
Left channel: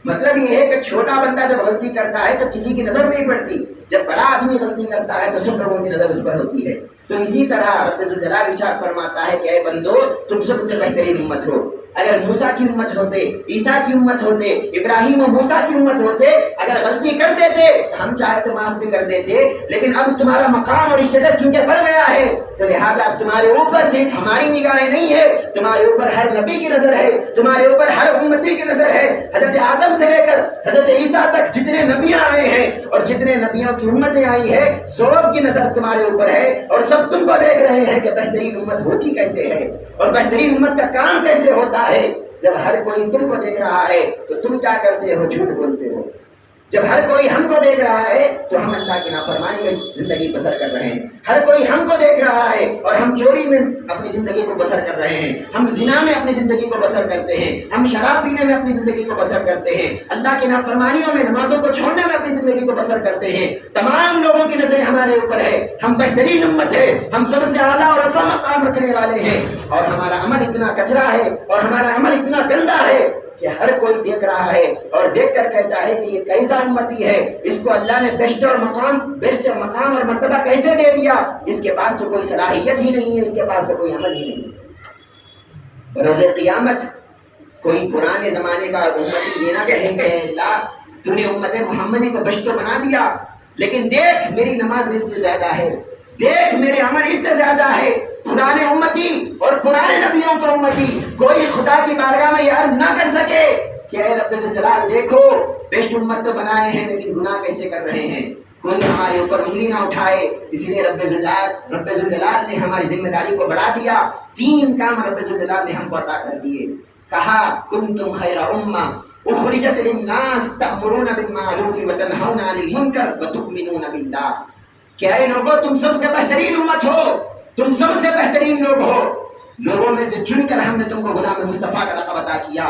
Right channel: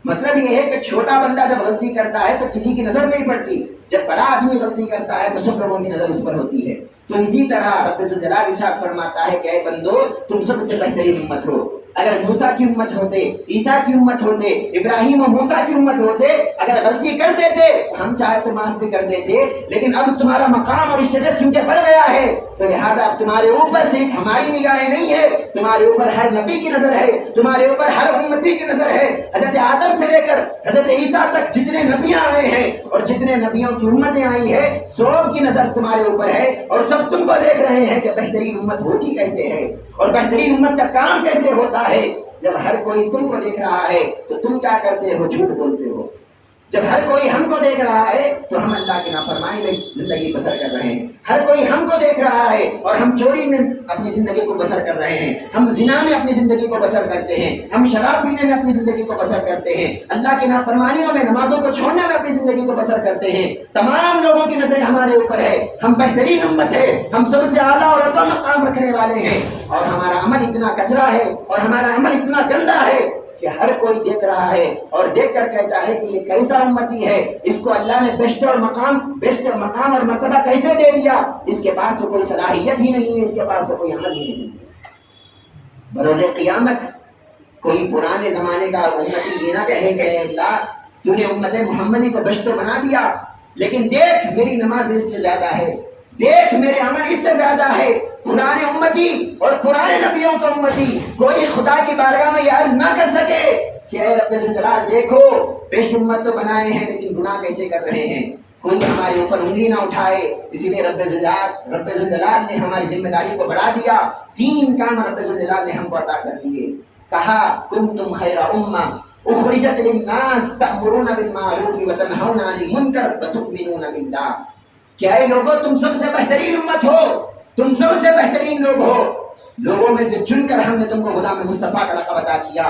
مطلب یہ ہے کہ چھوٹا بندہ جب غلطی کرتا ہے تو کسی کی نظر نہیں پڑتی، جب بڑا آدمی غلطی کرتا ہے تو سب لوگوں کی نظر اس پر ہوتی ہے۔ تو اسی طرح رب ذوالجلال ارشاد فرماتا ہے کہ اے بندو، تم سب سے بہترین امت ہو۔ اگر موسیٰ کی امت ہوتے، عیسیٰ کی امت ہوتے، ابراہیم و موسیٰ کی امت ہوتے، اگر غلطی کر دیتے ہم چاہے تو معاف بھی کر دیتے، لیکن اب تمہارا مقام اور اسٹیٹس کیونکہ بڑھ گیا ہے تو لہٰذا اب تمہارے اوپر صرف ہماری نگاہیں نہیں ہے، تمہارے اوپر ہر نبی کی نظر ہے، تمہارے اوپر ہر امتی کی نظر ہے۔ حضرت آدم سے لے کر حضرت عیسیٰ تک جتنے نبیاں آئے ہیں اور جتنے نبیوں کی امتیں آئی ہیں، سب کی نظر تمہارے اوپر ہے اور سب تم کو دیکھ رہے ہیں کہ بہترین امت ہوتی کیسے ہے اور بہترین امت کا کام کیسے ہوتا ہے۔ جب ہر کوئی تم کو دیکھ رہا ہے تو تم کیا کرتے ہو؟ جھوٹ بولتے ہو، جب ہر کوئی ہم کو دیکھ رہا ہے تو ہم اللہ کی نافرمانی میں زندگی بسر کر رہے ہیں. ہر کوئی ہم کو دیکھ رہا ہے اور ہم چوری میں اپنی زندگی کو بسر کر رہے ہیں. ہم زنا میں اپنی زندگی کو بسر کرتے ہیں. ہم شراب پینے میں اپنی زندگی کو بسر کرتے ہیں. اللہ کی نافرمانیوں میں نمازوں کو چھوڑنے میں اپنی زندگی کو بسر کرتے ہیں. تمام لوگوں کی نظریں ہمارے اوپر ہے. ہم بہترین امت ہے. ہم سب سے اعلیٰ اور رفع مقام رکھنے والے ہیں. اور ہمارا عمل اتنا کچرا ہے اور ہمارا عمل اتنا گندا ہے کہ ہر کوئی دیکھ رہا ہے اور دیکھ کر کہتا ہے کہ یہ کیسا امتی ہے, اس کو اللہ نے بیسٹ مقام اور مرتبہ کیسے دے دیا, اس کے پاس تو کوئی صلاحیت ہی نہیں ہے, اس کے پاس تو کوئی عمل ہی نہیں ہے. بروز قیامت کوئی پرانے زمانے کا امتی یہ نہ کہے کہ اللہ تو نے امت محمدی کو بیسٹ بنا دیا, لیکن دیکھ میری نماز اس سے زیادہ ہے, دیکھ میرے عمل اس سے زیادہ ہے. پرانے امتی اور پرانے نبیوں کا امتی کوئی خدا کی بارگاہ میں یہ عرض نہ کر سکے کہ اے رب ذوالجلال دیکھو بیسٹ امت تو بنائے ہیں لیکن گناہ کیسے کر رہے ہیں. کوئی ہمارے اوپر انگلی نہ اٹھائے. اسی لیے رب ذوالجلال نے ہماری ذمہ داری کو بڑھا دیا. 3 کام رب ذوالجلال نے ہم کو عطا کر دیے. کہا کنتم خیر امہ اخرجت للناس تأمرون بالمعروف وتنہون عن المنکر وتؤمنون باللہ. کہ اے لوگوں تم سب سے بہترین امت ہو, تم سب سے بہترین لوگ ہو. لوگوں میں سے چن کر ہم نے تم کو غلام مصطفیٰ کا لقب عطا کیا.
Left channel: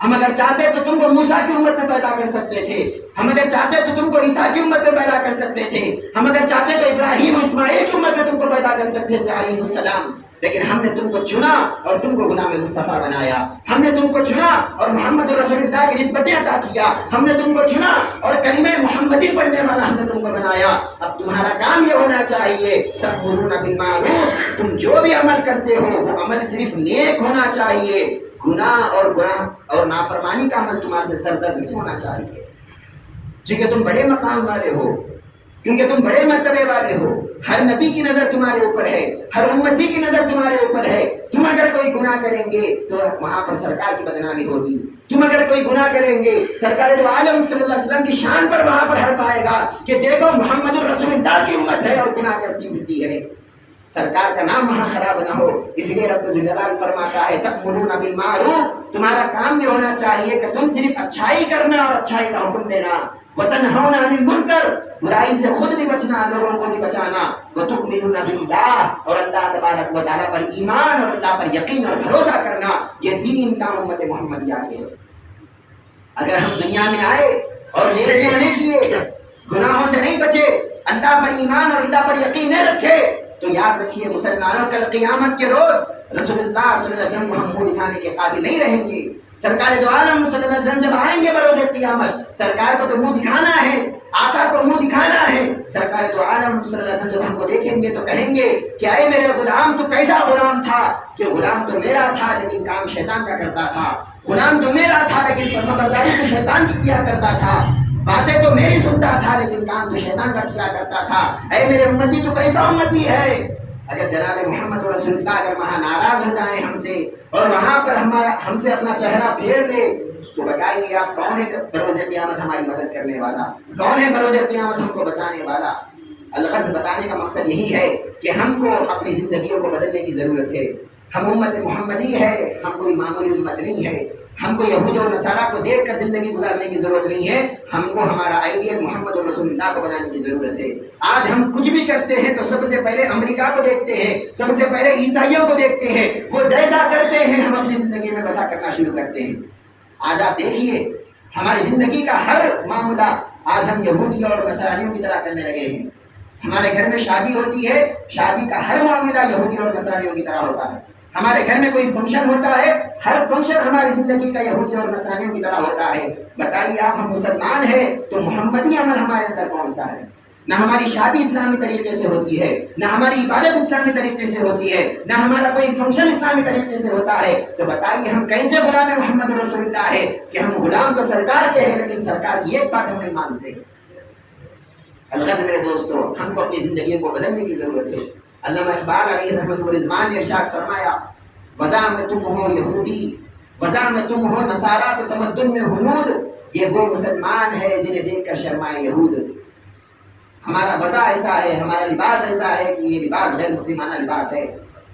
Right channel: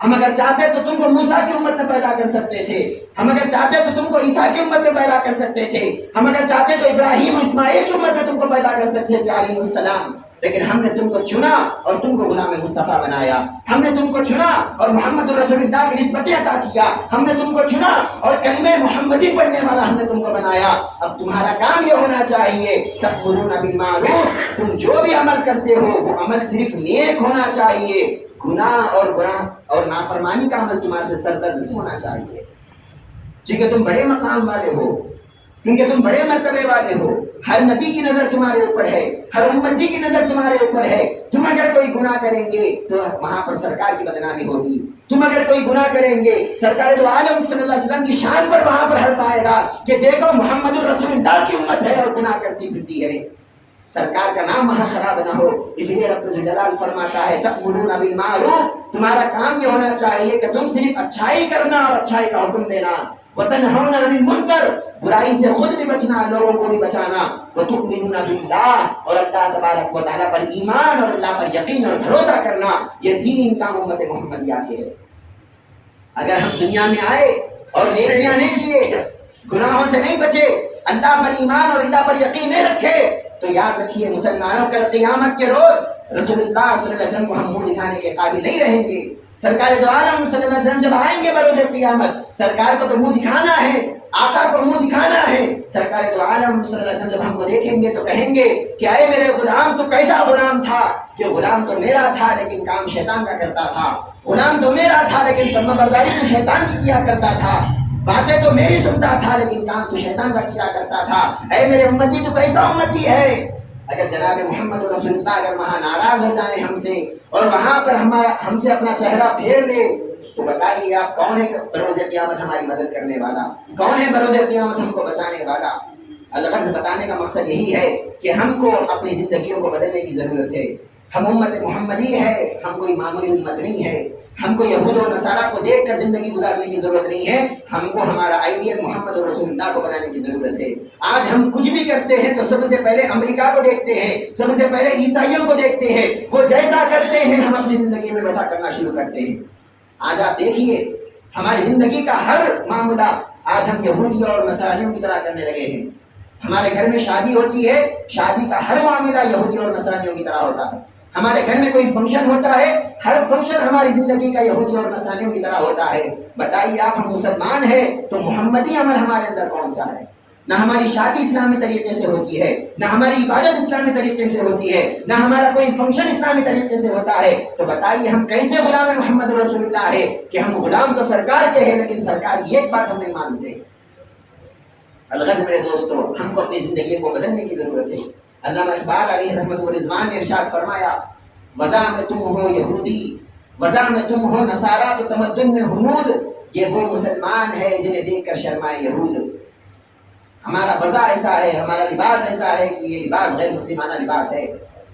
ہم اگر چاہتے تو تم کو موسیٰ کی امت میں پیدا کر سکتے تھے. ہم اگر چاہتے تو تم کو عیسیٰ کی امت میں پیدا کر سکتے تھے. ہم اگر چاہتے تو ابراہیم اور اسماعیل کی امت میں تم کو پیدا کر سکتے تھے علیہ السلام. لیکن ہم نے تم کو چنا اور تم کو غلام مصطفیٰ بنایا. ہم نے تم کو چنا اور محمد رسول اللہ کی نسبتیں عطا کیا. ہم نے تم کو چنا اور کلمہ محمدی پڑھنے والا ہم نے تم کو بنایا. اب تمہارا کام یہ ہونا چاہیے تأمرون بالمعروف, تم جو بھی عمل کرتے ہو وہ عمل صرف نیک ہونا چاہیے. گناہ اور نافرمانی کا عمل تمہارے سے سردر نہیں ہونا چاہیے. کیونکہ تم بڑے مقام والے ہو, کیونکہ تم بڑے مرتبے والے ہو. ہر نبی کی نظر تمہارے اوپر ہے, ہر امتی کی نظر تمہارے اوپر ہے. تم اگر کوئی گناہ کریں گے تو وہاں پر سرکار کی بدنامی ہوگی. تم اگر کوئی گناہ کریں گے سرکار دو عالم صلی اللہ علیہ وسلم کی شان پر وہاں پر حرف آئے گا کہ دیکھو محمد الرسول اللہ کی امت ہے اور گناہ کرتی پھرتی ہے. سرکار کا نام وہاں خراب نہ ہو. اس لیے رب ذوالجلال فرماتا ہے تأمرون بالمعروف, تمہارا کام یہ ہونا چاہیے کہ تم صرف اچھائی کرنا اور اچھائی کا حکم دینا. وتنہون عن المنکر, برائی سے خود بھی بچنا لوگوں کو بھی بچانا. وتؤمنون باللہ, اور اللہ تبارک و تعالیٰ پر ایمان اور اللہ پر یقین اور بھروسہ کرنا. یہ 3 کام امت محمدیہ کے. اگر ہم دنیا میں آئے اور نیکیاں نہیں کیے, گناہوں سے نہیں بچے, اللہ پر ایمان اور اللہ پر یقین نہیں رکھے, تو یاد رکھیے مسلمانوں کل قیامت کے روز رسول اللہ صلی اللہ علیہ وسلم کو ہم منہ دکھانے کے قابل نہیں رہیں گے. سرکار دو عالم صلی اللہ علیہ وسلم جب آئیں گے بروز قیامت, سرکار کو تو منہ دکھانا ہے, آقا کو منہ دکھانا ہے. سرکار دو عالم صلی اللہ علیہ وسلم جب ہم کو دیکھیں گے تو کہیں گے کہ اے میرے غلام, تو کیسا غلام تھا کہ غلام تو میرا تھا لیکن کام شیطان کا کرتا تھا. غلام تو میرا تھا لیکن فرمانبرداری تو شیطان کی کیا کرتا تھا. باتیں تو میری سنتا تھا لیکن کام تو شیطان کا کیا کرتا تھا. اے میرے امتی تو کیسا امتی ہے. اگر جناب محمد رسول اللہ اگر وہاں ناراض ہو جائیں ہم سے اور وہاں پر ہم سے اپنا چہرہ پھیر لے, تو بتائیے آپ کون ہے بروز قیامت ہماری مدد کرنے والا, کون ہے بروز قیامت ہم کو بچانے والا. الغرض بتانے کا مقصد یہی ہے کہ ہم کو اپنی زندگیوں کو بدلنے کی ضرورت ہے. ہم امت محمدی ہے, ہم کوئی معمولی امت نہیں ہے. ہم کو یہود و نصارہ کو دیکھ کر زندگی گزارنے کی ضرورت نہیں ہے. ہم کو ہمارا آئیڈیل محمد رسول اللہ کو بنانے کی ضرورت ہے. آج ہم کچھ بھی کرتے ہیں تو سب سے پہلے امریکہ کو دیکھتے ہیں, سب سے پہلے عیسائیوں کو دیکھتے ہیں. وہ جیسا کرتے ہیں ہم اپنی زندگی میں ویسا کرنا شروع کرتے ہیں. آج آپ دیکھیے ہماری زندگی کا ہر معاملہ آج ہم یہودیوں اور نصرانیوں کی طرح کرنے لگے ہیں. ہمارے گھر میں شادی ہوتی ہے, شادی کا ہر معاملہ یہودیوں اور نصرانیوں کی طرح ہوتا ہے. ہمارے گھر میں کوئی فنکشن ہوتا ہے, ہر فنکشن ہماری زندگی کا یہودیوں اور نصرانیوں کی طرح ہوتا ہے. بتائیے آپ ہم مسلمان ہیں تو محمدی عمل ہمارے اندر کون سا ہے؟ نہ ہماری شادی اسلامی طریقے سے ہوتی ہے, نہ ہماری عبادت اسلامی طریقے سے ہوتی ہے, نہ ہمارا کوئی فنکشن اسلامی طریقے سے ہوتا ہے. تو بتائیے ہم کیسے غلام محمد رسول اللہ ہے کہ ہم غلام تو سرکار کے ہیں لیکن سرکار کی ایک بات ہم نہیں مانتے. الغرض میرے دوستو, ہم کو اپنی زندگیوں کو بدلنے کی ضرورت ہے. علامہ اقبال علیہ رحمۃ و رضوان نے ارشاد فرمایا, وضع میں تم ہو یہودی, وضع میں تم ہو نصارہ تو تمدن میں ہنود, یہ وہ مسلمان ہے جنہیں دیکھ کر شرمائے یہود. ہمارا وضع ایسا ہے, ہمارا لباس ایسا ہے کہ یہ لباس غیر مسلمانہ لباس ہے.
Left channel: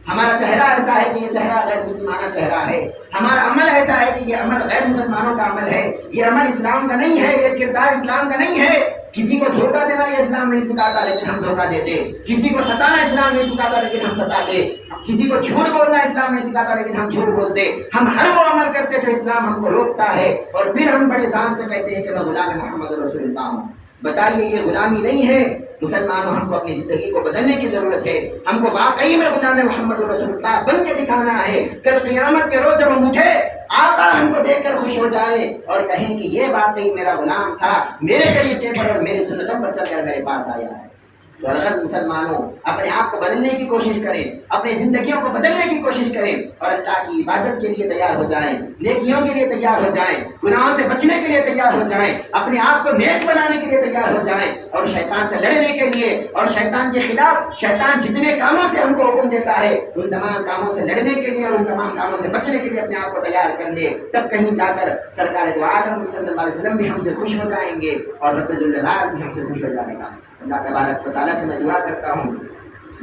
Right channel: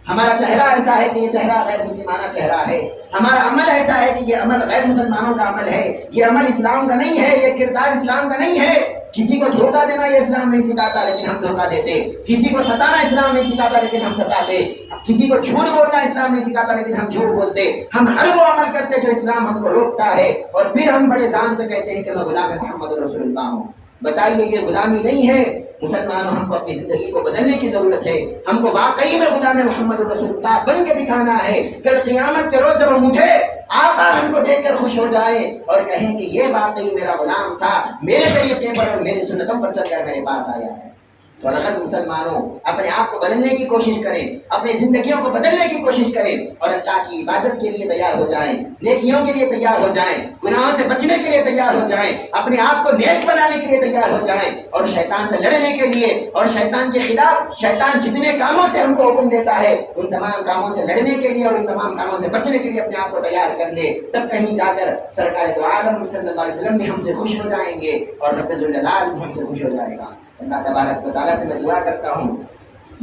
ہمارا چہرہ ایسا ہے کہ یہ چہرہ غیر مسلمانہ چہرہ ہے، ہمارا عمل ایسا ہے کہ یہ عمل غیر مسلمانوں کا عمل ہے، یہ عمل اسلام کا نہیں ہے، یہ کردار اسلام کا نہیں ہے۔ کسی کو دھوکہ دینا یہ اسلام نہیں سکھاتا لیکن ہم دھوکہ دیتے، کسی کو ستانا اسلام نہیں سکھاتا لیکن ہم ستاتے، کسی کو جھوٹ بولنا اسلام نہیں سکھاتا لیکن ہم جھوٹ بولتے، ہم ہر وہ عمل کرتے جو اسلام ہم کو روکتا ہے، اور پھر ہم بڑے ذان سے کہتے ہیں کہ میں غلام محمد رسول اللہ ہوں۔ بتائیے یہ غلامی نہیں ہے؟ مسلمانوں، ہم کو اپنی زندگی کو بدلنے کی ضرورت ہے، ہم کو واقعی میں غلام محمد رسول اللہ بن کے دکھانا ہے۔ کل قیامت کے روز جب ہم اٹھے، آقا ہم کو دیکھ کر خوش ہو جائے اور کہیں کہ یہ واقعی میرا غلام تھا، میرے طریقے پر اور میری سنتوں پر چل کر میرے پاس آیا ہے۔ تو الغرض مسلمانوں، اپنے آپ کو بدلنے کی کوشش کریں، اپنی زندگیوں کو بدلنے کی کوشش کریں اور اللہ کی عبادت کے لیے تیار ہو جائیں، نیکیوں کے لیے تیار ہو جائیں، گناہوں سے بچنے کے لیے تیار ہو جائیں، اپنے آپ کو نیک بنانے کے لیے تیار ہو جائیں، اور شیطان سے لڑنے کے لیے اور شیطان کے خلاف شیطان جتنے کاموں سے ہم کو حکم دیتا ہے ان تمام کاموں سے لڑنے کے لیے اور ان تمام کاموں سے بچنے کے لیے اپنے آپ کو تیار کر لے۔ تب کہیں جا کر سرکار دو عالم صلی اللہ علیہ وسلم بھی ہم سے خوش ہو جائیں گے اور رب ذوالجلال بھی ہم سے خوش ہو جائے گا۔ اللہ تبارک و تعالیٰ سے میں دعا کرتا ہوں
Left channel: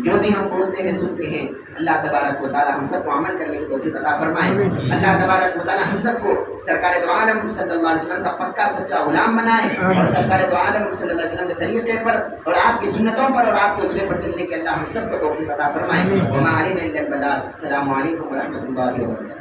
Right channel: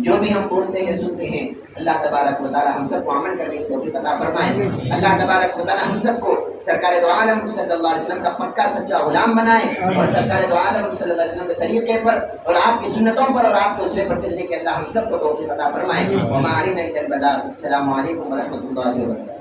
جو بھی ہم بولتے ہیں سنتے ہیں، اللہ تبارک و تعالیٰ ہم سب کو عمل کرنے کی توفیق عطا فرمائے۔ اللہ تبارک و تعالیٰ ہم سب کو سرکار دو عالم صلی اللہ علیہ وسلم کا پکا سچا غلام بنائے اور سرکار دو عالم صلی اللہ علیہ وسلم کے طریقے پر اور آپ کی سنتوں پر اور آپ کے اسوے پر چلنے کے اللہ ہم سب کو توفیق عطا فرمائے۔ وما علینا الا البلاغ۔ السلام علیکم ورحمۃ اللہ وبرکاتہ۔